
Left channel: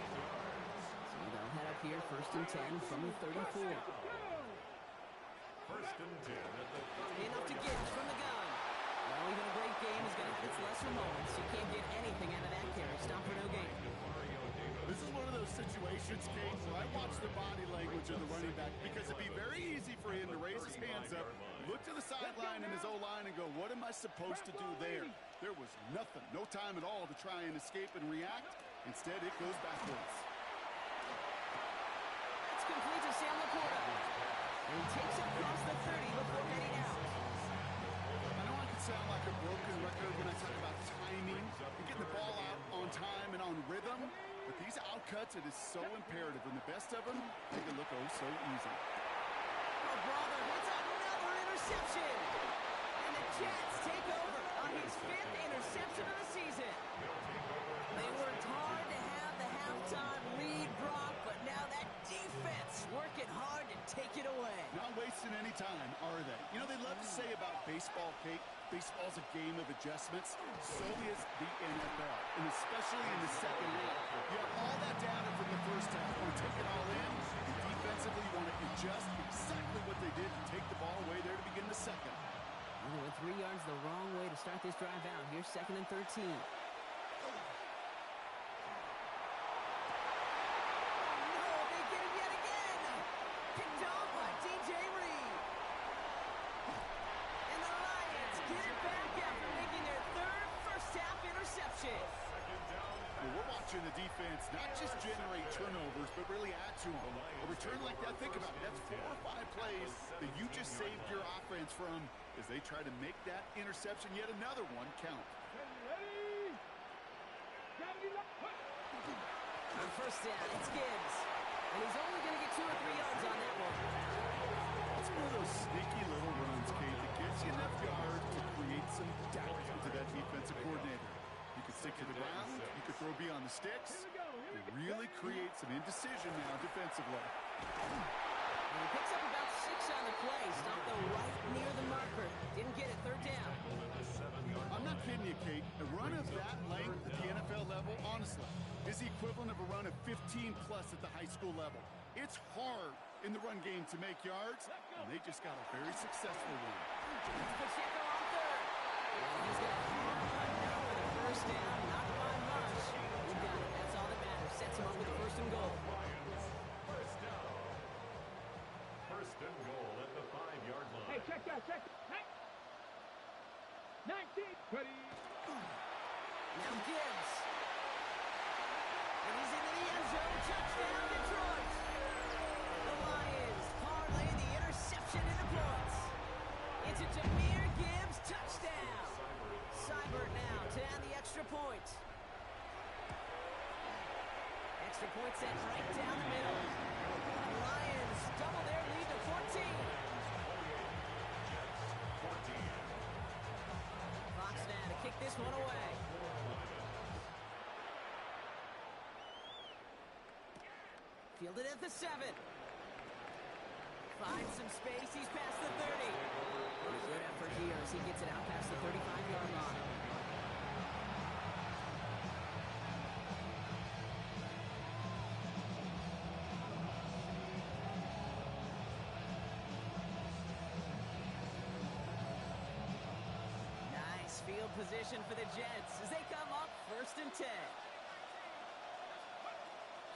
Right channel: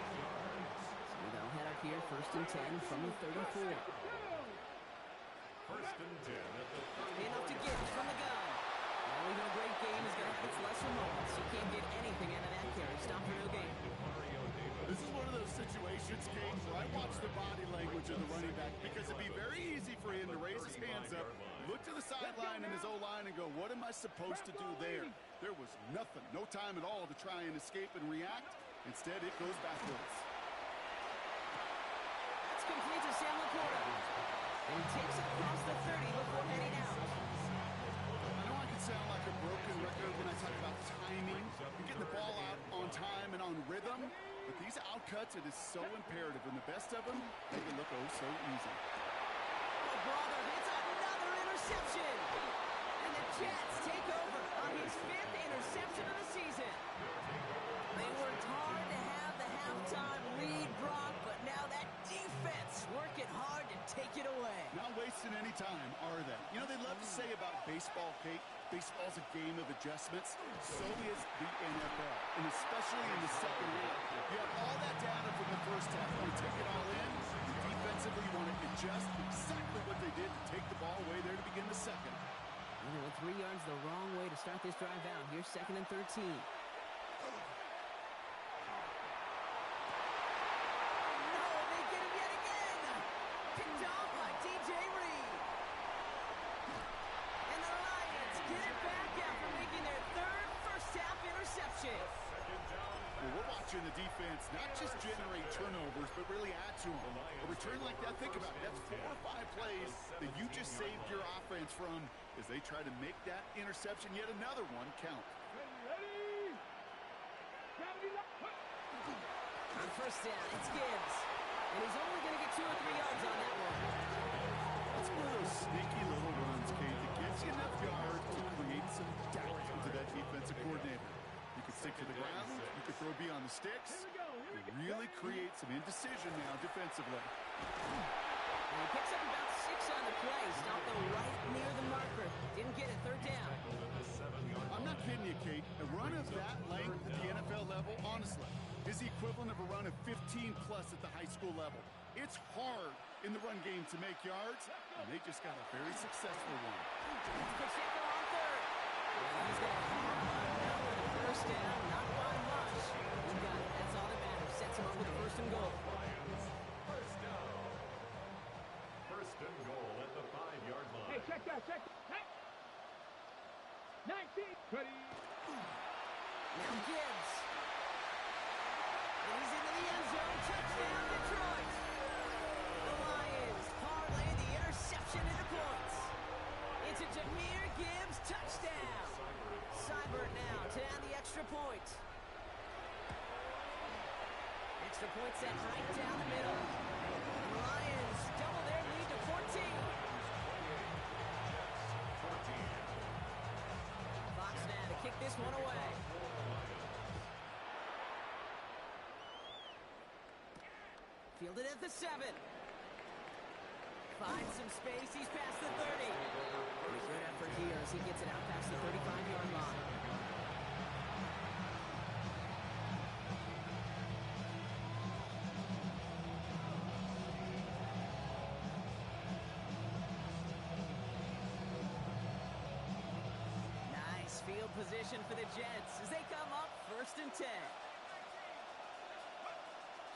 So they'll head up here, 1st and 10 from the 34. First and 10 at the 30. Enough to get from the gun. Well, even a great game is going to have its lesser moments. You can't get anything out of that carry. Stop for no gain. This is one of those situations, Kate, where I watch the body language of the running back because it'd be very easy for him to raise his hands up, look to the sideline and his O-line and go, what am I supposed to do there? There was nothing, no time at all to try and escape and react. Instead, it goes backwards. That's complete to Sam Laporta. And he takes it across the 30 before heading out. I know I can sound like a broken record when I talk about timing and getting the ball out on time and on rhythm, but these outcuts, it is so imperative, and the best of them make it look oh so easy. Oh, brother, it's another interception. And the Jets take over on his 5th interception of the season. They worked hard to have the halftime lead, Brock, but now that defense working hard to take it away. Not wasting any time, are they? You know, they love to say about baseball, Kate, baseball's a game of adjustments. So is the NFL, and especially in the second half. You have all that data from the first half. You want to take it all in, and defensively you want to adjust exactly what they did to take the ball away there to begin the second. And they went 3 yards the wrong way to start this drive out. Here's 2nd and 13. Picked off by DJ Reed. And the Lions get it back after making their 3rd first-half interception. Well, we're watching the defense not just generate turnovers, but really add to them. A return like that, think about it. That's 4 or 5 plays that you just saved your offense from as they try to make that interception, yet another one, count. Ready. Gravity lock. On 1st down, it's Gibbs. And he's only going to get 2 or 3 yards on that one. It's one of those sneaky little runs, Kate, that gets you enough yards to create some doubt into that defensive coordinator. You could stick to the ground, you could throw beyond the sticks. You really create some indecision now defensively. And he picks up about 6 on the play. Stopped though right near the marker. Didn't get it, 3rd down. I'm not kidding you, Kate. A run of that length at the NFL level, honestly, is the equivalent of a run of 15-plus at the high school level. It's hard in the run game to make yards, and they just got a very successful one. Pacheco on 3rd. And he's going to have enough for the 1st down, not by much. He got it. That's all that matters. Sets him up with a 1st and goal. First down. 1st and goal at the 5-yard line. Hey, check that, check. Hey. 19. Ready. Now Gibbs. And he's into the end zone. Touchdown, Detroit. The Lions parlay the interception into points. It's a Jahmyr Gibbs touchdown. Seibert now to add the extra point. Extra point set right down the middle. And the Lions double their lead to 14. Fox now to kick this one away. Fielded at the 7. Finds some space. He's past the 30. And a good effort here as he gets it out past the 35-yard line. Nice field position for the Jets as they come up 1st and 10.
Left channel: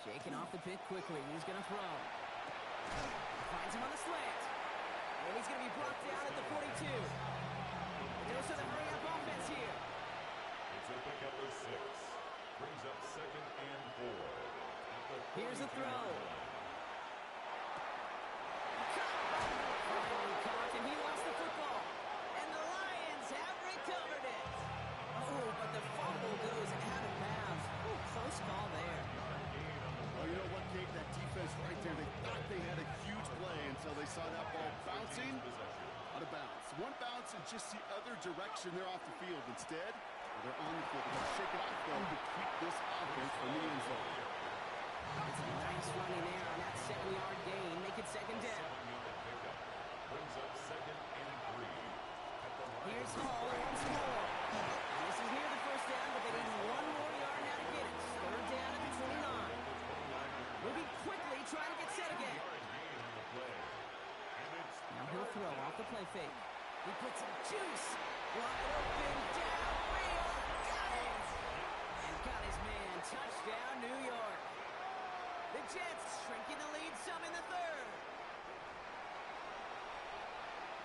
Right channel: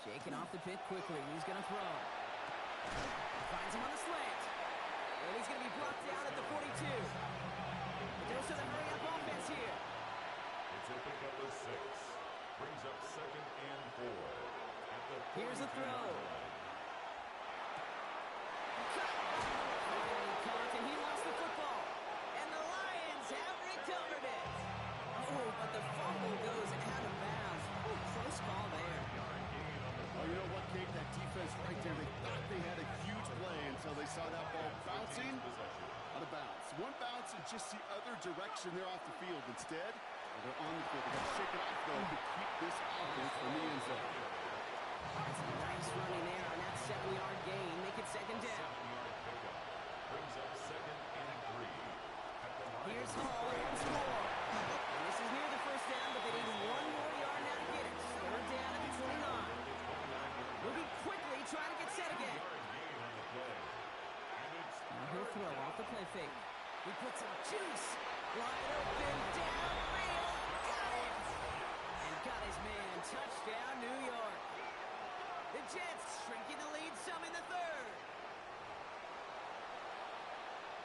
Shaking off the pit quickly. He's going to throw. Finds him on the slant. And he's going to be brought down at the 42. A dose of the hurry-up offense here. It's a pickup of 6. Brings up 2nd and 4. At the Here's a throw. line. Caught. Finally caught, and he lost the football. until they saw that ball bouncing out of bounds. One bounce and just the other direction, they're off the field. Instead, they're on the field. They got to shake it off, though, to keep this offense from the end zone. That's a nice running there on that 7-yard gain. Make it second down. 7-yard pickup brings up 2nd and 3. Here's Hall once more. And this is near the first down, but they need one more yard now to get it. 3rd down at the 29. Moving quickly, trying to get set again. Now he'll throw off the play fake. He puts some juice. Wide open, downfield. Got it! And got his man. Touchdown, New York. The Jets shrinking the lead some in the 3rd.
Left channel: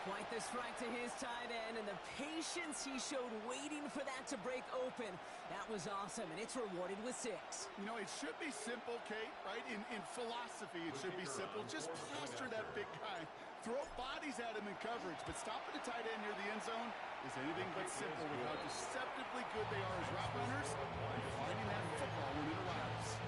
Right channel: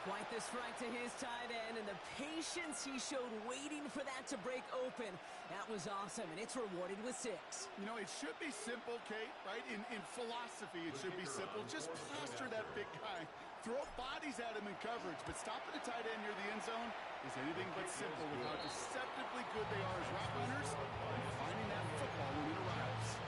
Quite the strike to his tight end, and the patience he showed waiting for that to break open. That was awesome, and it's rewarded with 6. You know, it should be simple, Kate, right? In philosophy, it should be simple. Just plaster that big guy. Throw bodies at him in coverage, but stopping the tight end near the end zone is anything but simple with how deceptively good they are as route runners and finding that football when it arrives.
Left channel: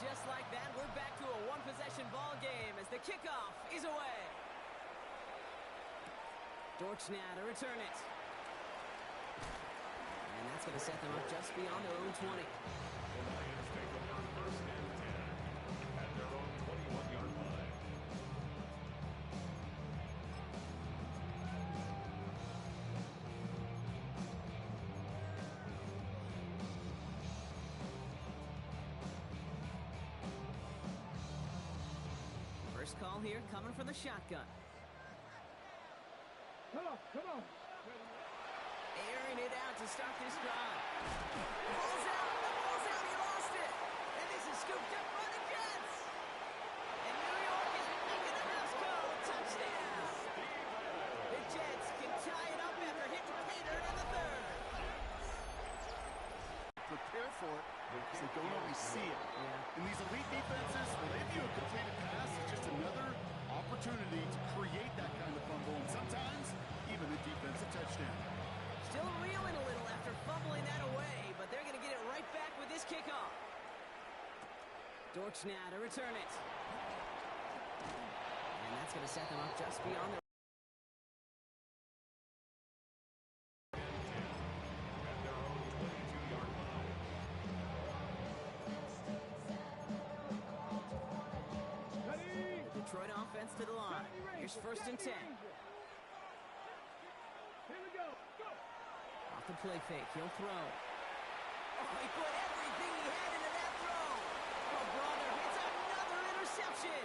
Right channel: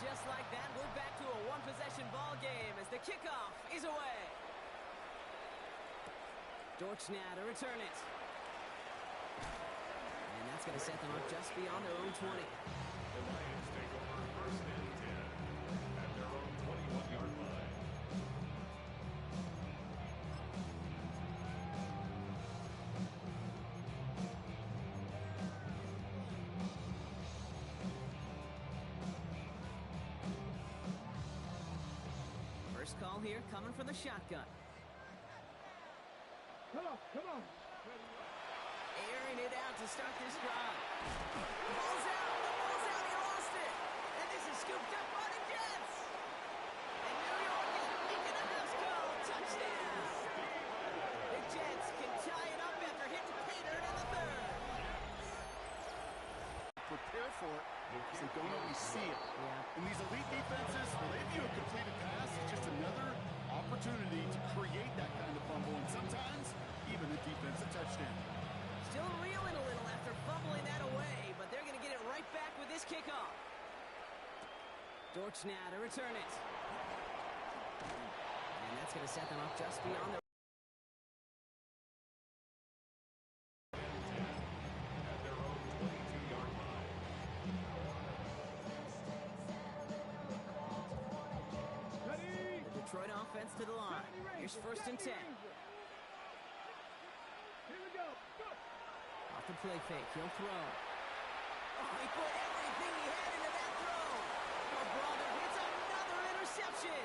Just like that, we're back to a one-possession ball game as the kickoff is away. Dortch now to return it. And that's going to set them up just beyond their own 20. The Lions take over 1st and 10 at their own 21-yard line. First call here coming from the shotgun. Come on. Airing it out to start this drive. The ball's out, he lost it. And this is scooped up by the Jets. And New York is making a house call. Touchdown. The Jets can tie it up after hitting pay dirt in the 3rd. Prepare for it because they don't always see it. Yeah. And these elite defenses, well, they view a completed pass as just another opportunity to create that kind of fumble, and sometimes even a defensive touchdown. Still reeling a little after fumbling that away, but they're going to get it right back with this kickoff. Dortch now to return it. And that's going to set them up just beyond their... At their own 22-yard line. The Detroit offense to the line. Here's 1st and 10. Here we go. Off the play fake, he'll throw. Oh, he put everything he had into that throw. Oh, brother, it's another interception.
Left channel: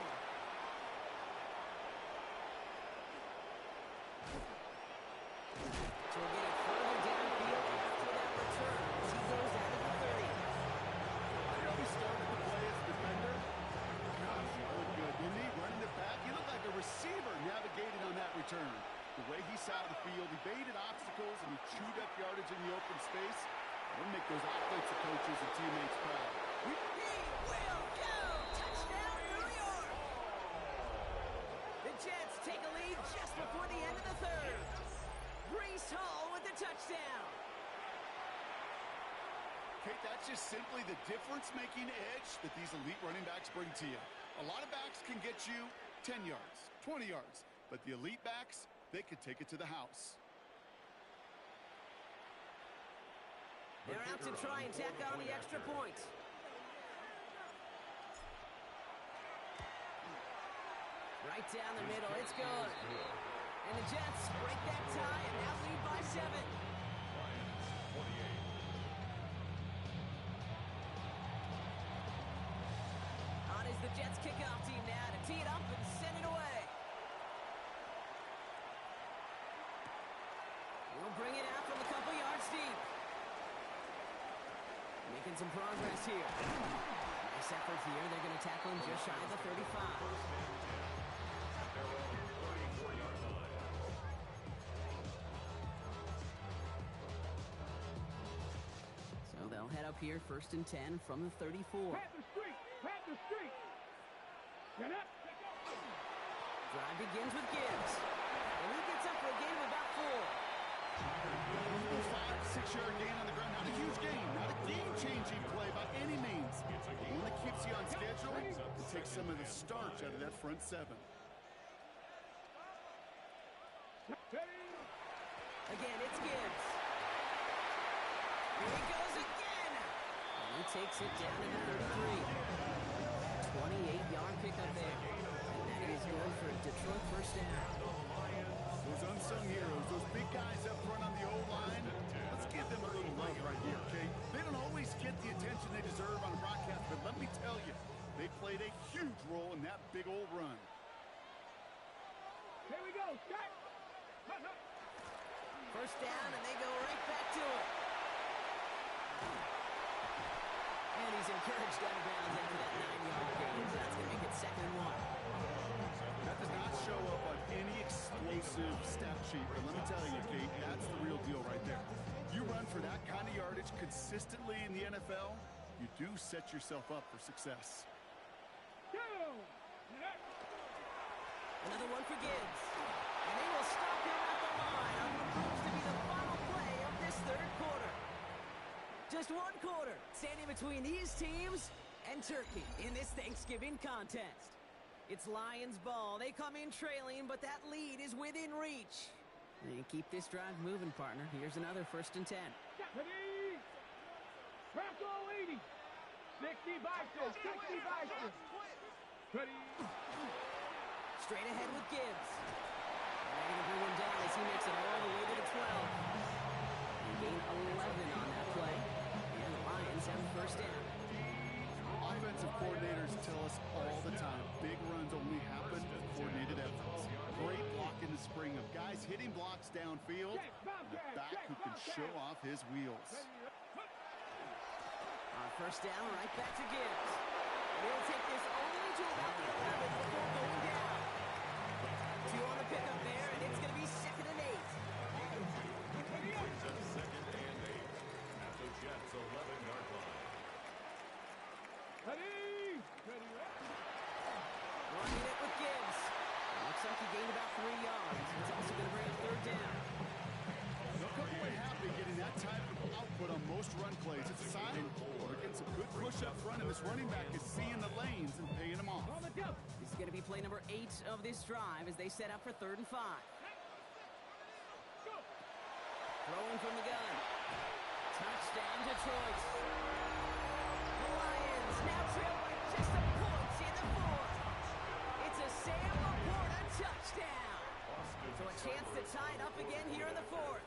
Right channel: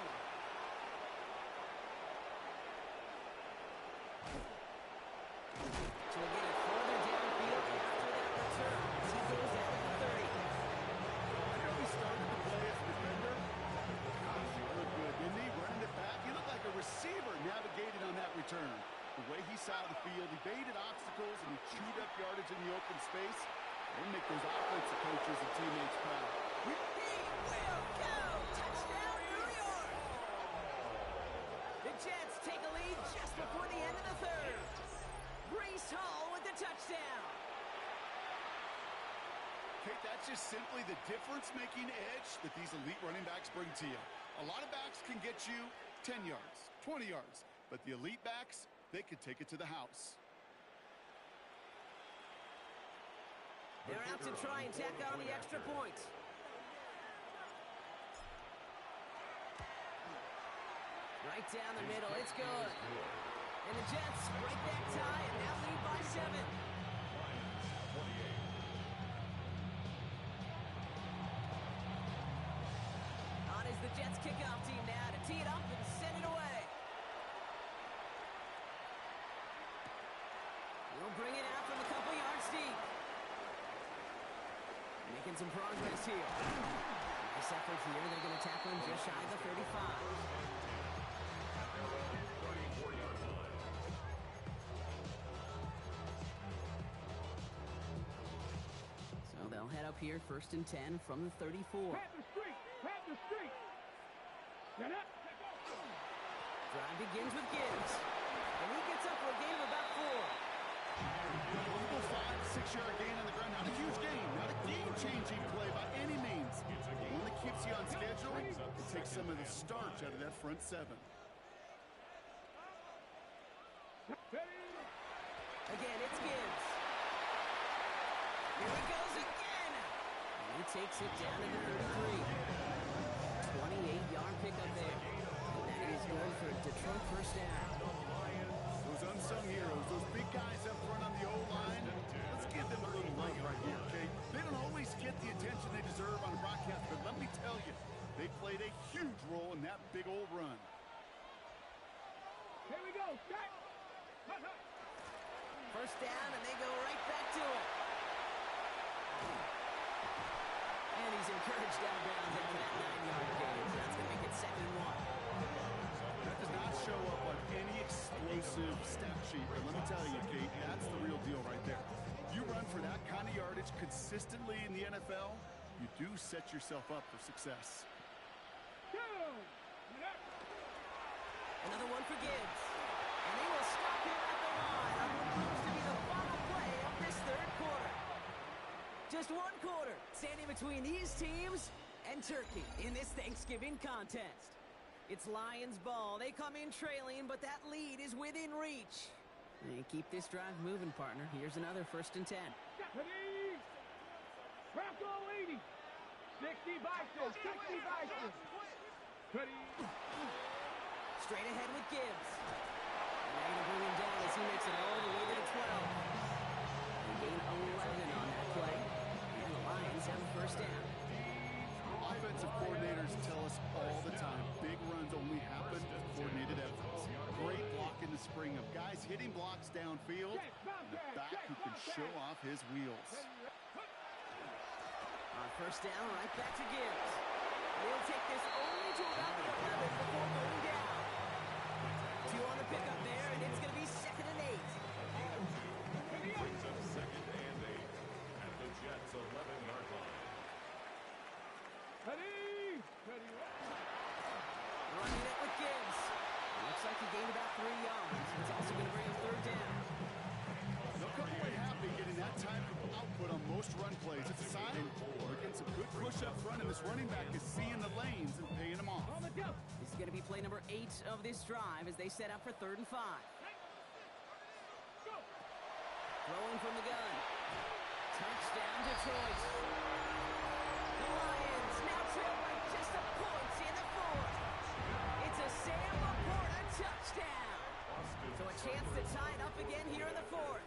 So we'll get it further downfield after that return as he goes out of the 30. I know he started to play as a defender. Gosh, he looked good, didn't he? Running it back, he looked like a receiver navigating on that return. The way he saw the field, he baited obstacles, and he chewed up yardage in the open space. It'll make those offensive coaches and teammates proud. He will go! Touchdown, New York! The Jets take a lead just before the end of the 3rd. Breece Hall with the touchdown. Kate, that's just simply the difference-making edge that these elite running backs bring to you. A lot of backs can get you 10 yards, 20 yards, but the elite backs, they could take it to the house. They're out to try and tack on the extra point. Right down the middle, it's good. And the Jets break that tie and now lead by 7. Lions 28. On is the Jets kickoff team now to tee it up and send it away. He'll bring it out from a couple yards deep. Making some progress here. Nice effort here. They're going to tackle him just shy of the 35. At their own 34-yard line. So they'll head up here 1st and 10 from the 34. Panthers begins with Gibbs. And he gets up for a gain of about 4. A humble 5 to 6 yard gain on the ground. Not a huge gain, not a game-changing play by any means. But one that keeps you on schedule and takes some of the starch out of that front 7. Again, it's Gibbs. Here he goes again. And he takes it down to the 33. 28-yard pickup there. And that is going for a Detroit first down. Those unsung heroes, those big guys up front on the O-line, let's give them a little love right here, okay? They don't always get the attention they deserve on a broadcast, but let me tell you, they played a huge role in that big old run. Here we go. Cut. First down, and they go right back to it. And he's encouraged out of bounds after that 9-yard gain, so that's going to make it 2nd and 1. That does not show up on any explosive stat sheet, but let me tell you, Kate, that's the real deal right there. You run for that kind of yardage consistently in the NFL, you do set yourself up for success. Another one for Gibbs. And they will stop him at the line on what proves to be the final play of this 3rd quarter. Just 1 quarter standing between these teams and Turkey in this Thanksgiving contest. It's Lions ball. They come in trailing, but that lead is within reach. And keep this drive moving, partner. Here's another 1st and 10. Bronco 80. 60 Bison. 60 Bison. Straight ahead with Gibbs. And they're going to bring him down as he makes it all the way to the 12. They gain 11 on that play. And the Lions have the first down. Offensive coordinators tell us all the time, big runs only happen with coordinated efforts. Great block in the spring of guys hitting blocks downfield, and a back who can show off his wheels. On first down, right back to Gibbs. They'll take this only to about the 11 before going down. 2 on the pickup there, and it's going to be 2nd and 8. Brings up 2nd and 8 at the Jets' 11-yard line. Running it with Gibbs. Looks like he gained about 3 yards. It's also going to bring up 3rd down. They'll come away happy getting that type of output on most run plays. It's a sign we're getting some good push up front, and this running back is seeing the lanes and paying them off. This is going to be play number 8 of this drive as they set up for 3rd and 5. Throwing from the gun. Touchdown, Detroit. The Lions now trail by just a point in the 4th. It's a Sam Laporta touchdown. So a chance to tie it up again here in the 4th.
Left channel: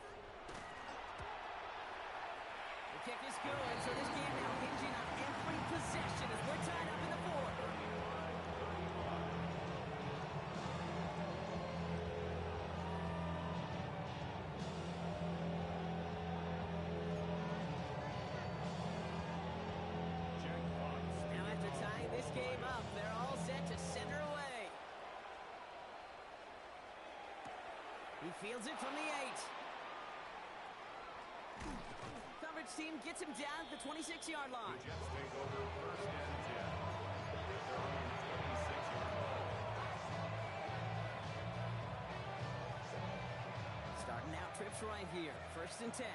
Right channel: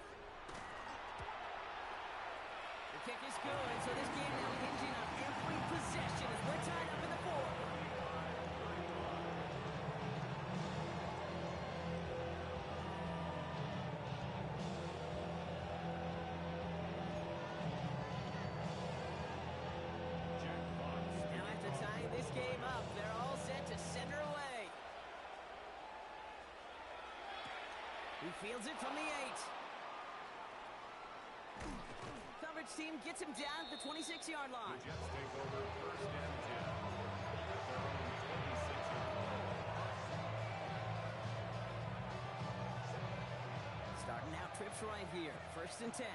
The kick is good, so this game now hinging on every possession as we're tied up in the 4th. Now after tying this game up, they're all set to center away. He fields it from the 8. Coverage team gets him down at the 26-yard line. The Jets take over 1st and 10 at their own 26-yard line. Starting out trips right here. 1st and 10.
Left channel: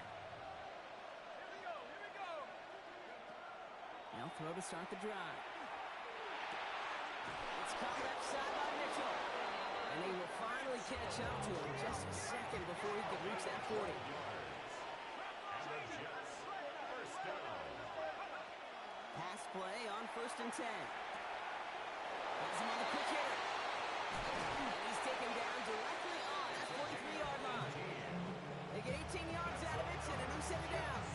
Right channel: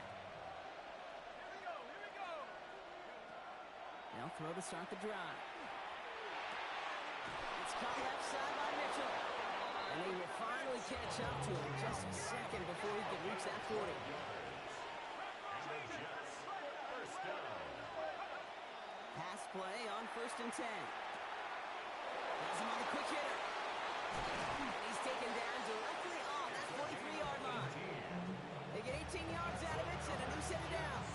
Now throw to start the drive. It's caught left side by Mitchell. And they will finally catch up to him just a second before he can reach that 40. Pass play on 1st and 10. Has him on the quick hitter. And he's taken down directly on that 43-yard line. They get 18 yards out of it and a new set of downs.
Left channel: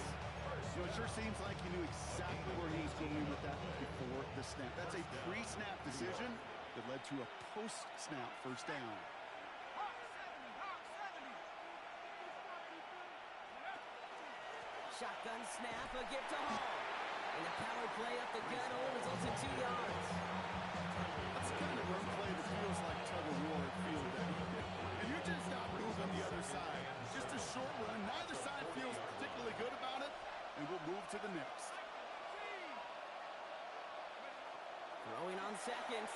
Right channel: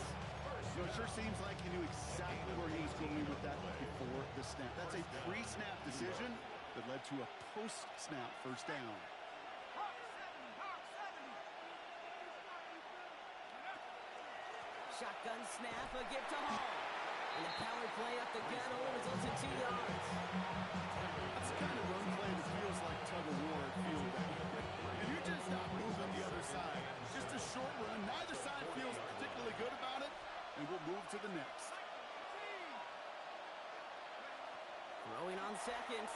You know, it sure seems like he knew exactly where he was going with that before the snap. That's a pre-snap decision that led to a post-snap first down. Shotgun snap, a gift to Hall. And the power play up the gun only results in 2 yards. That's the kind of run play that feels like tug-of-war at field day. And you just not move on the other side. Just a short run. Neither side feels particularly good about it. And we'll move to the next. Throwing on 2nd.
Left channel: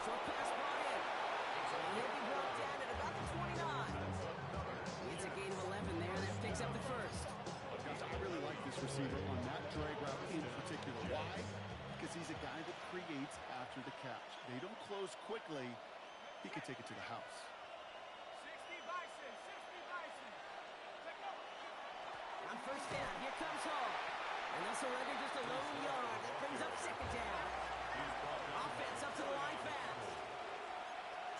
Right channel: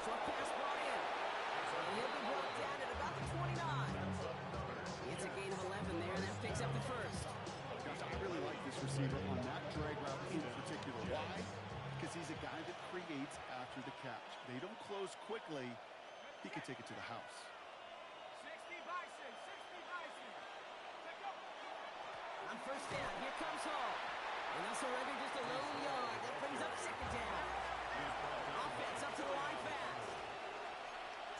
Short pass quarterback's receiver on that drag route in particular. Why? Because he's a guy that creates after the catch. They don't close quickly. He can take it to the house. 60 Bison, 60 Bison. Take go. On first down, here comes Hall. And they'll surrender just a lone yard. That brings up second down. Offense up to the line fast.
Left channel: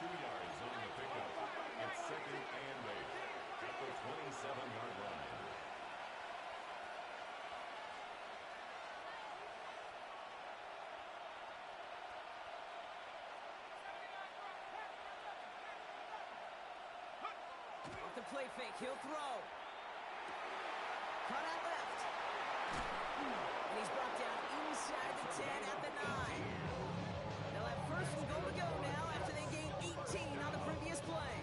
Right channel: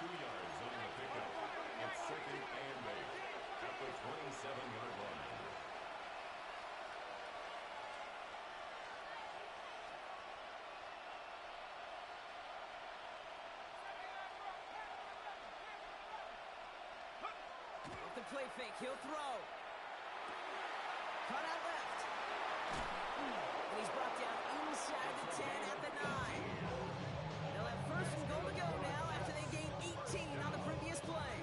2 yards on the pickup. It's second and 8 at the 27-yard line. Off the play fake, he'll throw. Cut out left. And he's brought down inside the 10 at the 9. They'll have first and goal to go now after they gained 18 on the previous play.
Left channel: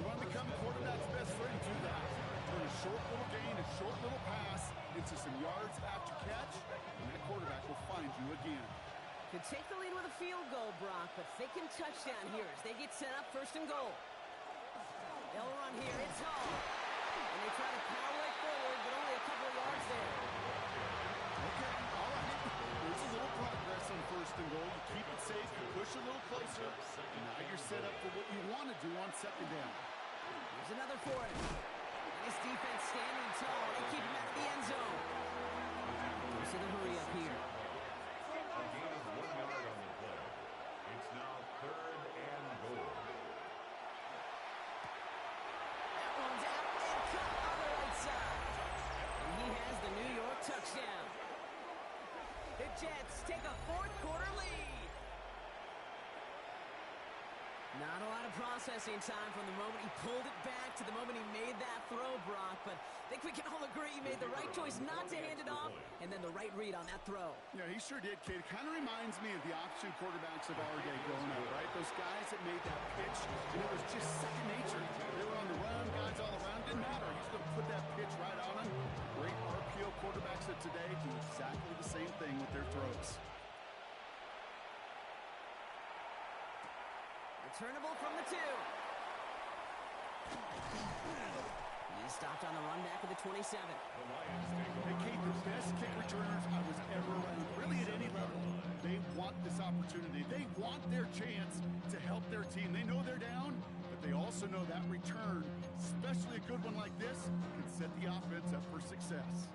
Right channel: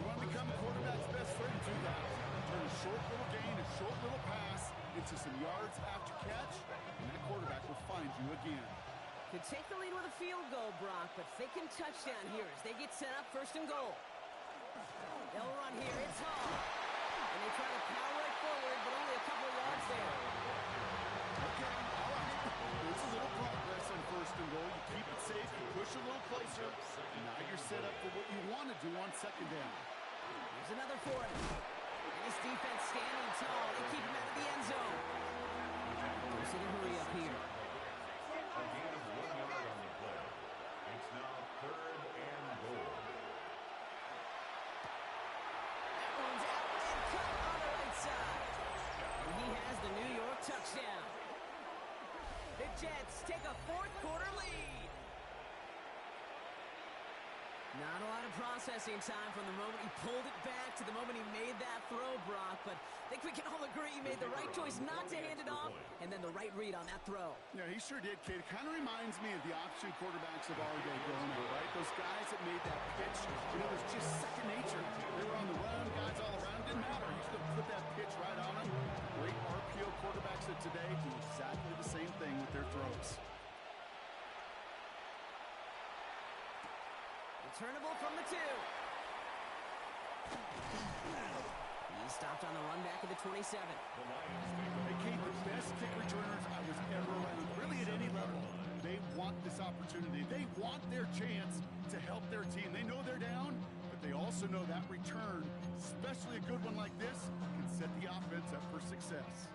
You want to become a quarterback's best friend, do that. Turn a short little gain, a short little pass into some yards after catch, and that quarterback will find you again. Could take the lead with a field goal, Brock, but thinking touchdown here as they get set up first and goal. They'll run here. It's Hall. And they try to power it forward, but only a couple of yards there. Okay, all right. There's a little progress on first and goal. You keep it safe, you push a little closer, and now you're set up for what you want to do on second down. Here's another for him. And his defense standing tall. They keep him out of the end zone. We'll see the hurry up here. A gain of 1 yard on the play. It's now third and goal. That one's out and cut on the right side. And he has the New York touchdown. The Jets take a fourth quarter lead. Not a lot of processing time from the moment he pulled it back to the moment he made that throw, Brock. But I think we can all agree he made the right choice not to hand it off, and then the right read on that throw. Yeah, he sure did, kid. It kind of reminds me of the option quarterbacks of our day growing up, right? Those guys that made that pitch, and it was just second nature. They were on the run, guys all around. Didn't matter. He's going to put that pitch right on him. Great RPO quarterbacks of today do exactly the same thing with their throws. Returnable from the 2. He's stopped on the run back of the 27. The Lions take over. Hey, Kate, the best kick returners I was ever around, really at any level. They want this opportunity. They want their chance to help their team. They know they're down, but they also know that return, especially a good one like this, can set the offense up for success.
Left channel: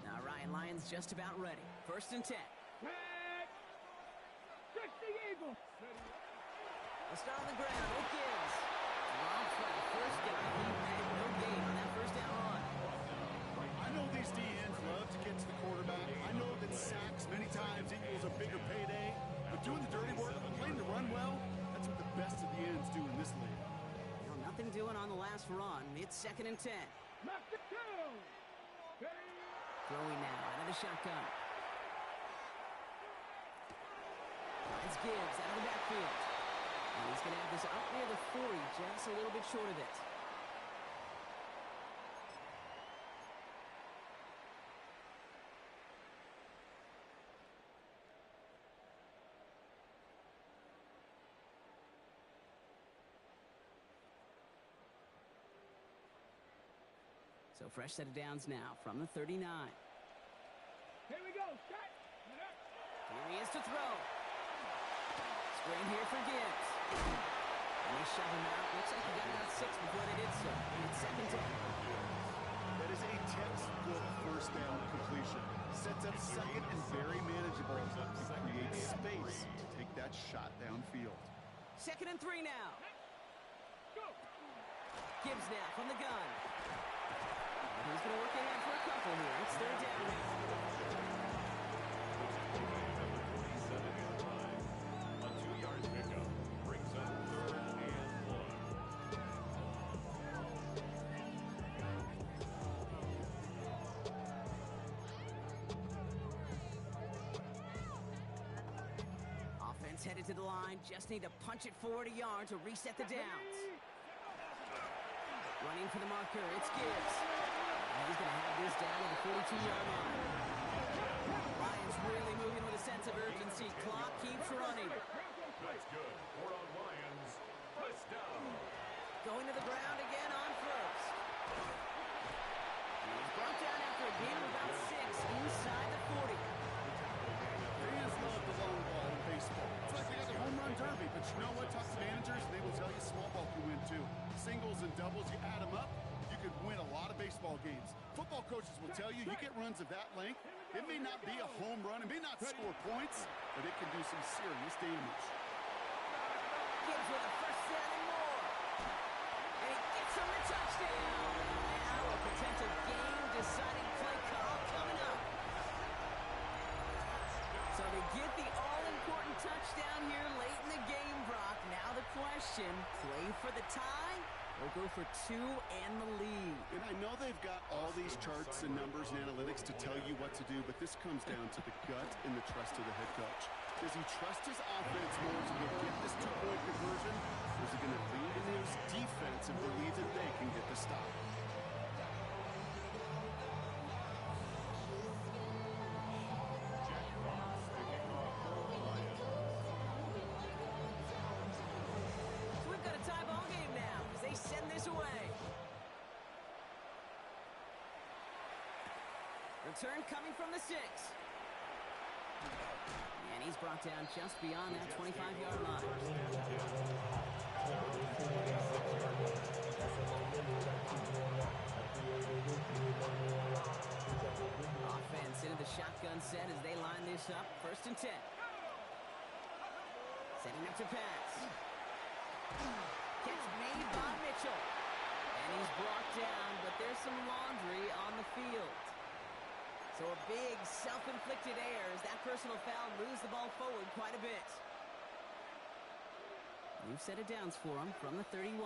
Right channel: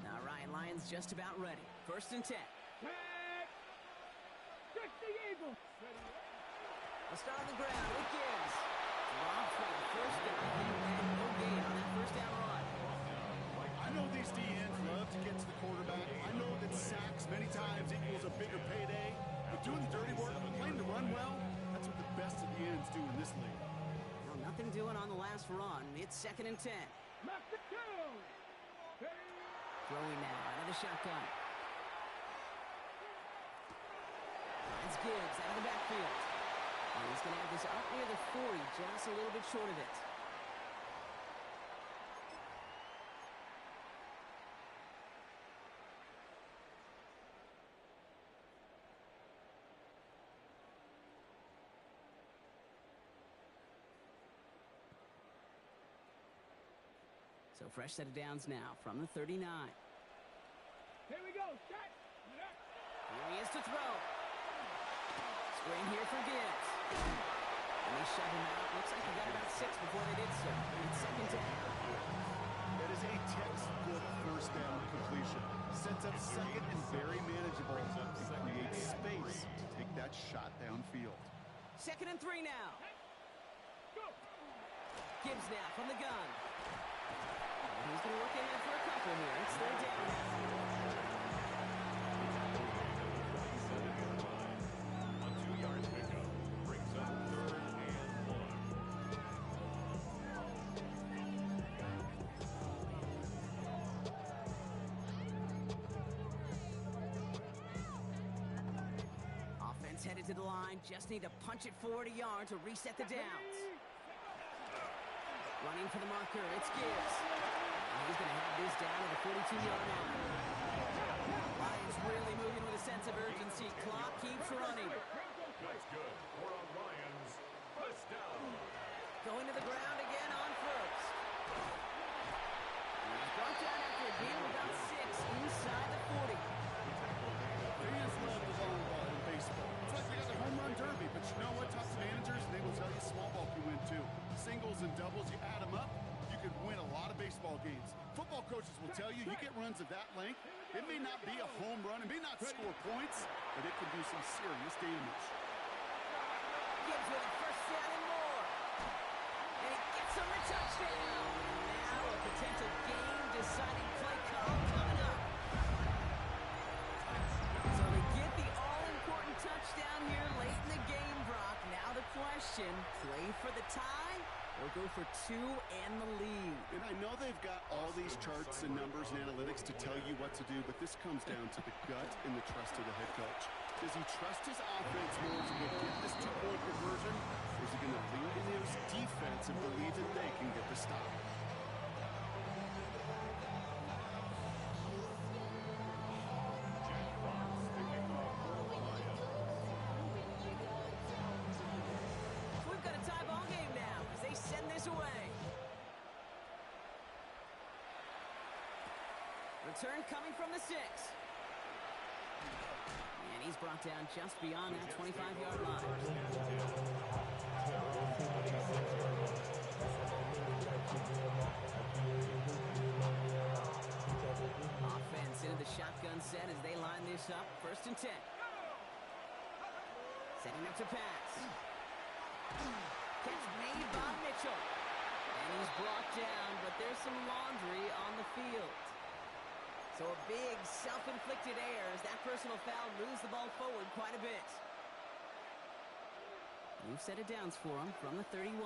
Now Ryan Lyons just about ready. First and 10. Tag. 60 Eagles. A start on the ground with Gibbs. Drops by the first guy he met. No gain on that first down run. I know these DNs love to get to the quarterback. I know that sacks many times equals a bigger payday. But doing the dirty work, playing the run well, that's what the best of the ends do in this league. Well, nothing doing on the last run. It's second and 10. Knock the 2. Throwing now out of the shotgun. Finds Gibbs out of the backfield. And he's going to have this up near the 40, just a little bit short of it. So fresh set of downs now from the 39. Here we go. Set. Here he is to throw. Screen here for Gibbs. And they shove him out. Looks like he got about 6 before they did so. It's second down. That is a textbook first down completion. Sets up second and very manageable. And creates space to take that shot downfield. Second and 3 now. Go. Gibbs now from the gun. And he's going to work ahead for a couple here. It's third down now. A 2-yard pickup brings up third and 1. Offense headed to the line. Just need to punch it forward a yard to reset the downs. Running for the marker. It's Gibbs. And he's going to have this down to the 42-yard line. Lions really moving with a sense of urgency. Clock keeps running. That's good. 4 on Lions. First down. Going to the ground again on first. He's brought down after a gain of about 6 inside the 40. Fans love the long ball in baseball. It's like they got the home run derby, but you know what? Talk to managers, and they will tell you small ball can win too. Singles and doubles, you add them up, you could win a lot of baseball games. Football coaches will tell you, you get runs of that length, it may not be a home run, it may not score points, but it can do some serious damage. Gibbs with a first down and more. And he gets him the touchdown. And now a potential game-deciding play call coming up. So they get the all-important touchdown here late in the game, Brock. Now the question, play for the tie or go for 2 and the lead? And I know they've got all these charts and numbers and analytics to tell you what to do, but this comes down to the gut and the trust of the head coach. Does he trust his offense more to go get this 2-point conversion, or is he going to lean into his defense and believe that they can get the stop? Jack Fox, the kickoff for the Lions. So we've got a tie ball game now as they send this away. Return coming from the 6. And he's brought down just beyond that 25-yard line. Offense into the shotgun set as they line this up. 1st and 10. Setting up to pass. Catch made by Mitchell. And he's brought down, but there's some laundry on the field. So a big self-inflicted error as that personal foul moves the ball forward quite a bit. New set of downs for him from the 31.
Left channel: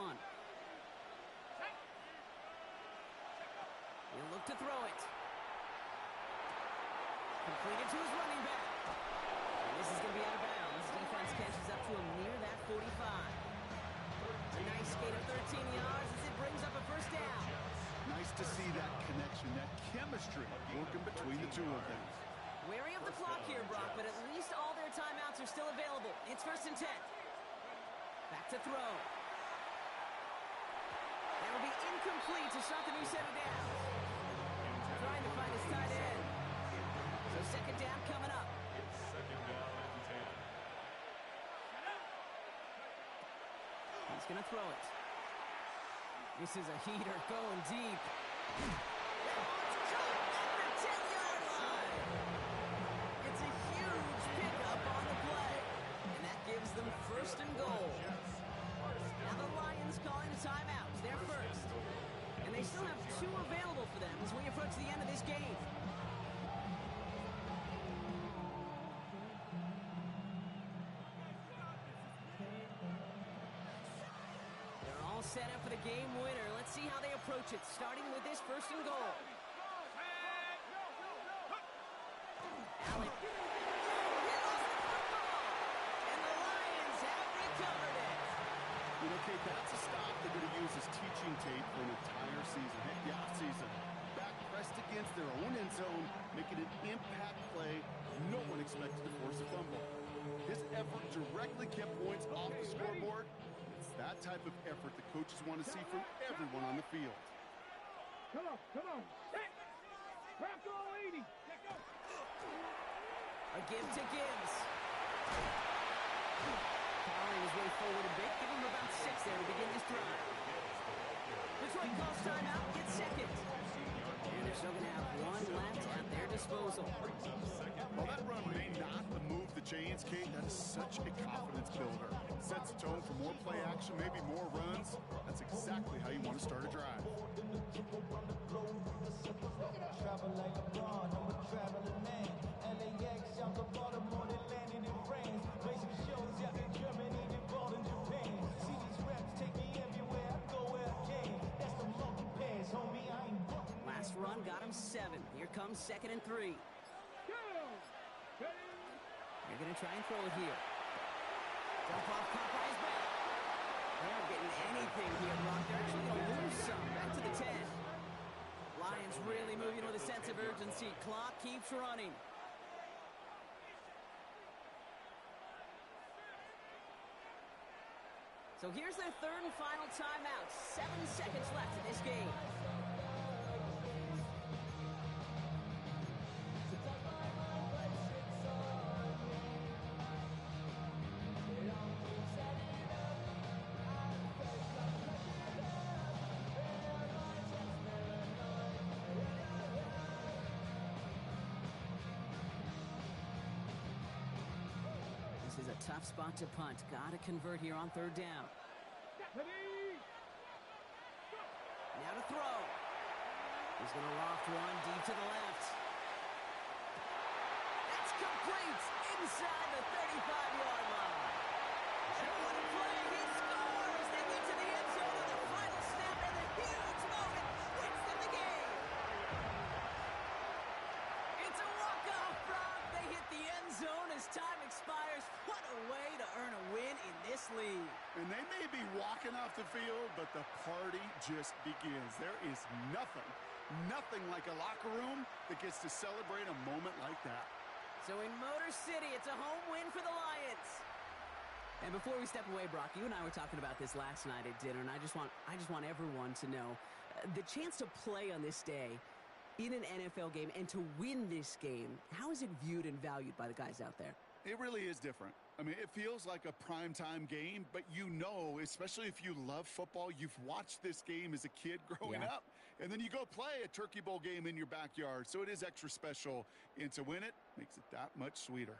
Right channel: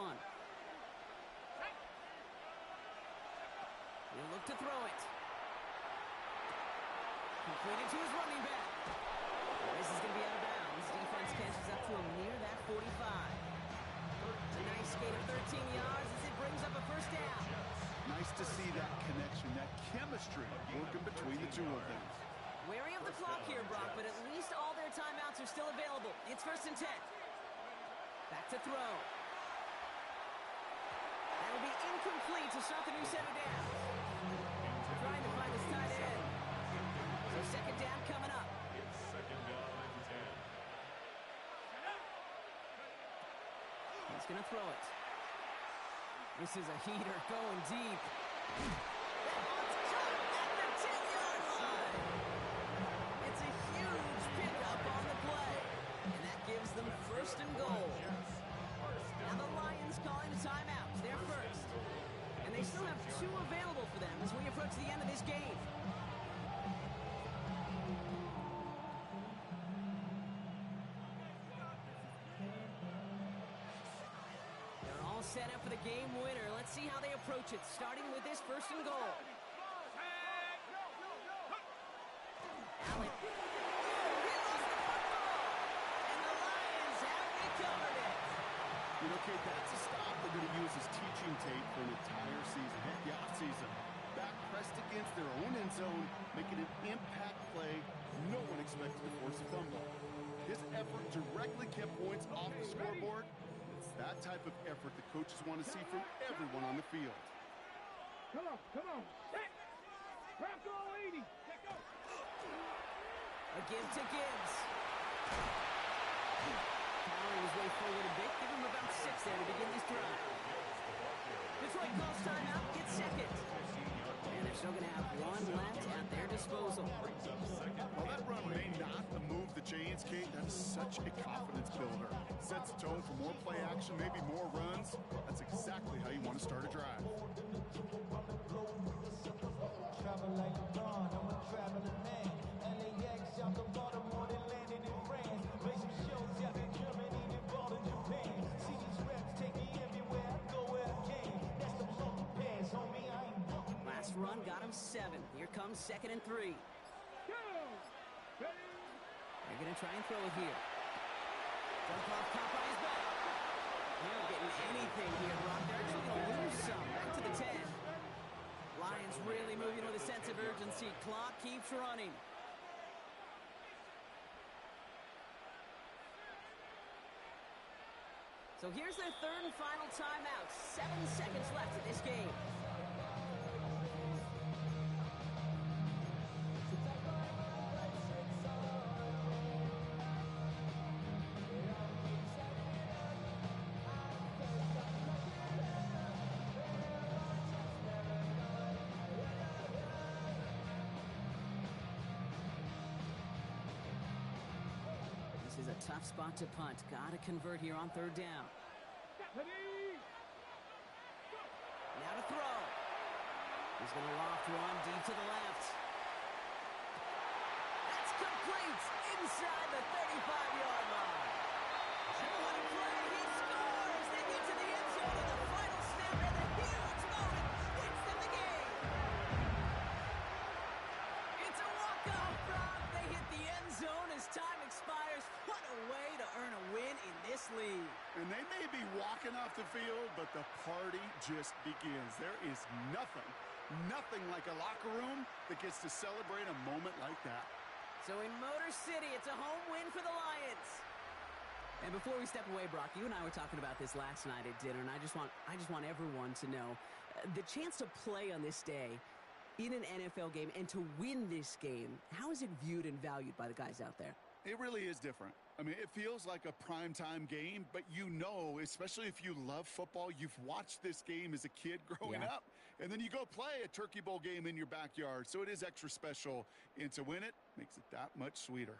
He'll look to throw it. Completed to his running back. And this is going to be out of bounds. Defense catches up to him near that 45. A nice gain of 13 yards as it brings up a first down. Nice to see that connection, that chemistry working between the two of them. Wary of the clock here, Brock, but at least all their timeouts are still available. It's 1st and 10. Back to throw. That'll be incomplete to start the new set of downs. Trying to find his tight end. So 2nd down coming up. It's 2nd down and 10. He's going to throw it. This is a heater going deep. That one's caught at the 10-yard line. It's a huge pickup on the play. And that gives them 1st and goal. Now the Lions calling a timeout. They're first. And they still have 2 available for them as we approach the end of this game. Set up for the game winner. Let's see how they approach it, starting with this 1st and goal. Allen. Oh, he lost the football! And the Lions have recovered it. You know, Kate, that's a stop they're going to use as teaching tape for an entire season. Heck, the offseason. Back pressed against their own end zone, making an impact play. No one expected to force a fumble. His effort directly kept points off the scoreboard. It's that type of effort the coaches want to see from everyone on the field. Come on. Set. Bronco 80. Let go. A give to Gibbs. Powering his way forward a bit. Give him about 6 there to begin this drive. Detroit calls timeout, gets 2nd. And they're still going to have 1 left at their disposal. While that run may not move the chains, Kate, that is such a confidence builder. Sets the tone for more play action, maybe more runs. That's exactly how you want to start a drive. Travel like LeBron, I'm a traveling man. LAX out to Baltimore, then landed in France. Play some shows out in Germany, then bought in Japan. See these reps take me everywhere, I go where I can. That's the monkey pass, homie, I ain't walking. Last run got him 7. Here comes 2nd and 3. Go. Ready. They're going to try and throw it here. Dump off, caught by his back. They aren't getting anything here, Brock. They're actually going to lose some. Back to the 10. Lions really moving with a sense of urgency. Clock keeps running. So here's their 3rd and final timeout. 7 seconds left in this game. This is a tough spot to punt. Got to convert here on third down. Ready? Now to throw. He's going to loft one deep to the left. That's complete inside the 35-yard line. And what a play. He scores. They get to the end zone on the final snap, and the huge moment wins them the game. It's a walk-off, Brock. They hit the end zone as time expires. What a way to earn a win in this league. And they may be walking off the field, but the party just begins. There is nothing like a locker room that gets to celebrate a moment like that. So in Motor City, it's a home win for the Lions. And before we step away, Brock, you and I were talking about this last night at dinner, and I just want everyone to know the chance to play on this day in an NFL game and to win this game. How is it viewed and valued by the guys out there? It really is different. I mean, it feels like a primetime game, but you know, especially if you love football, you've watched this game as a kid growing up, and then you go play a Turkey Bowl game in your backyard. So it is extra special, and to win it makes it that much sweeter.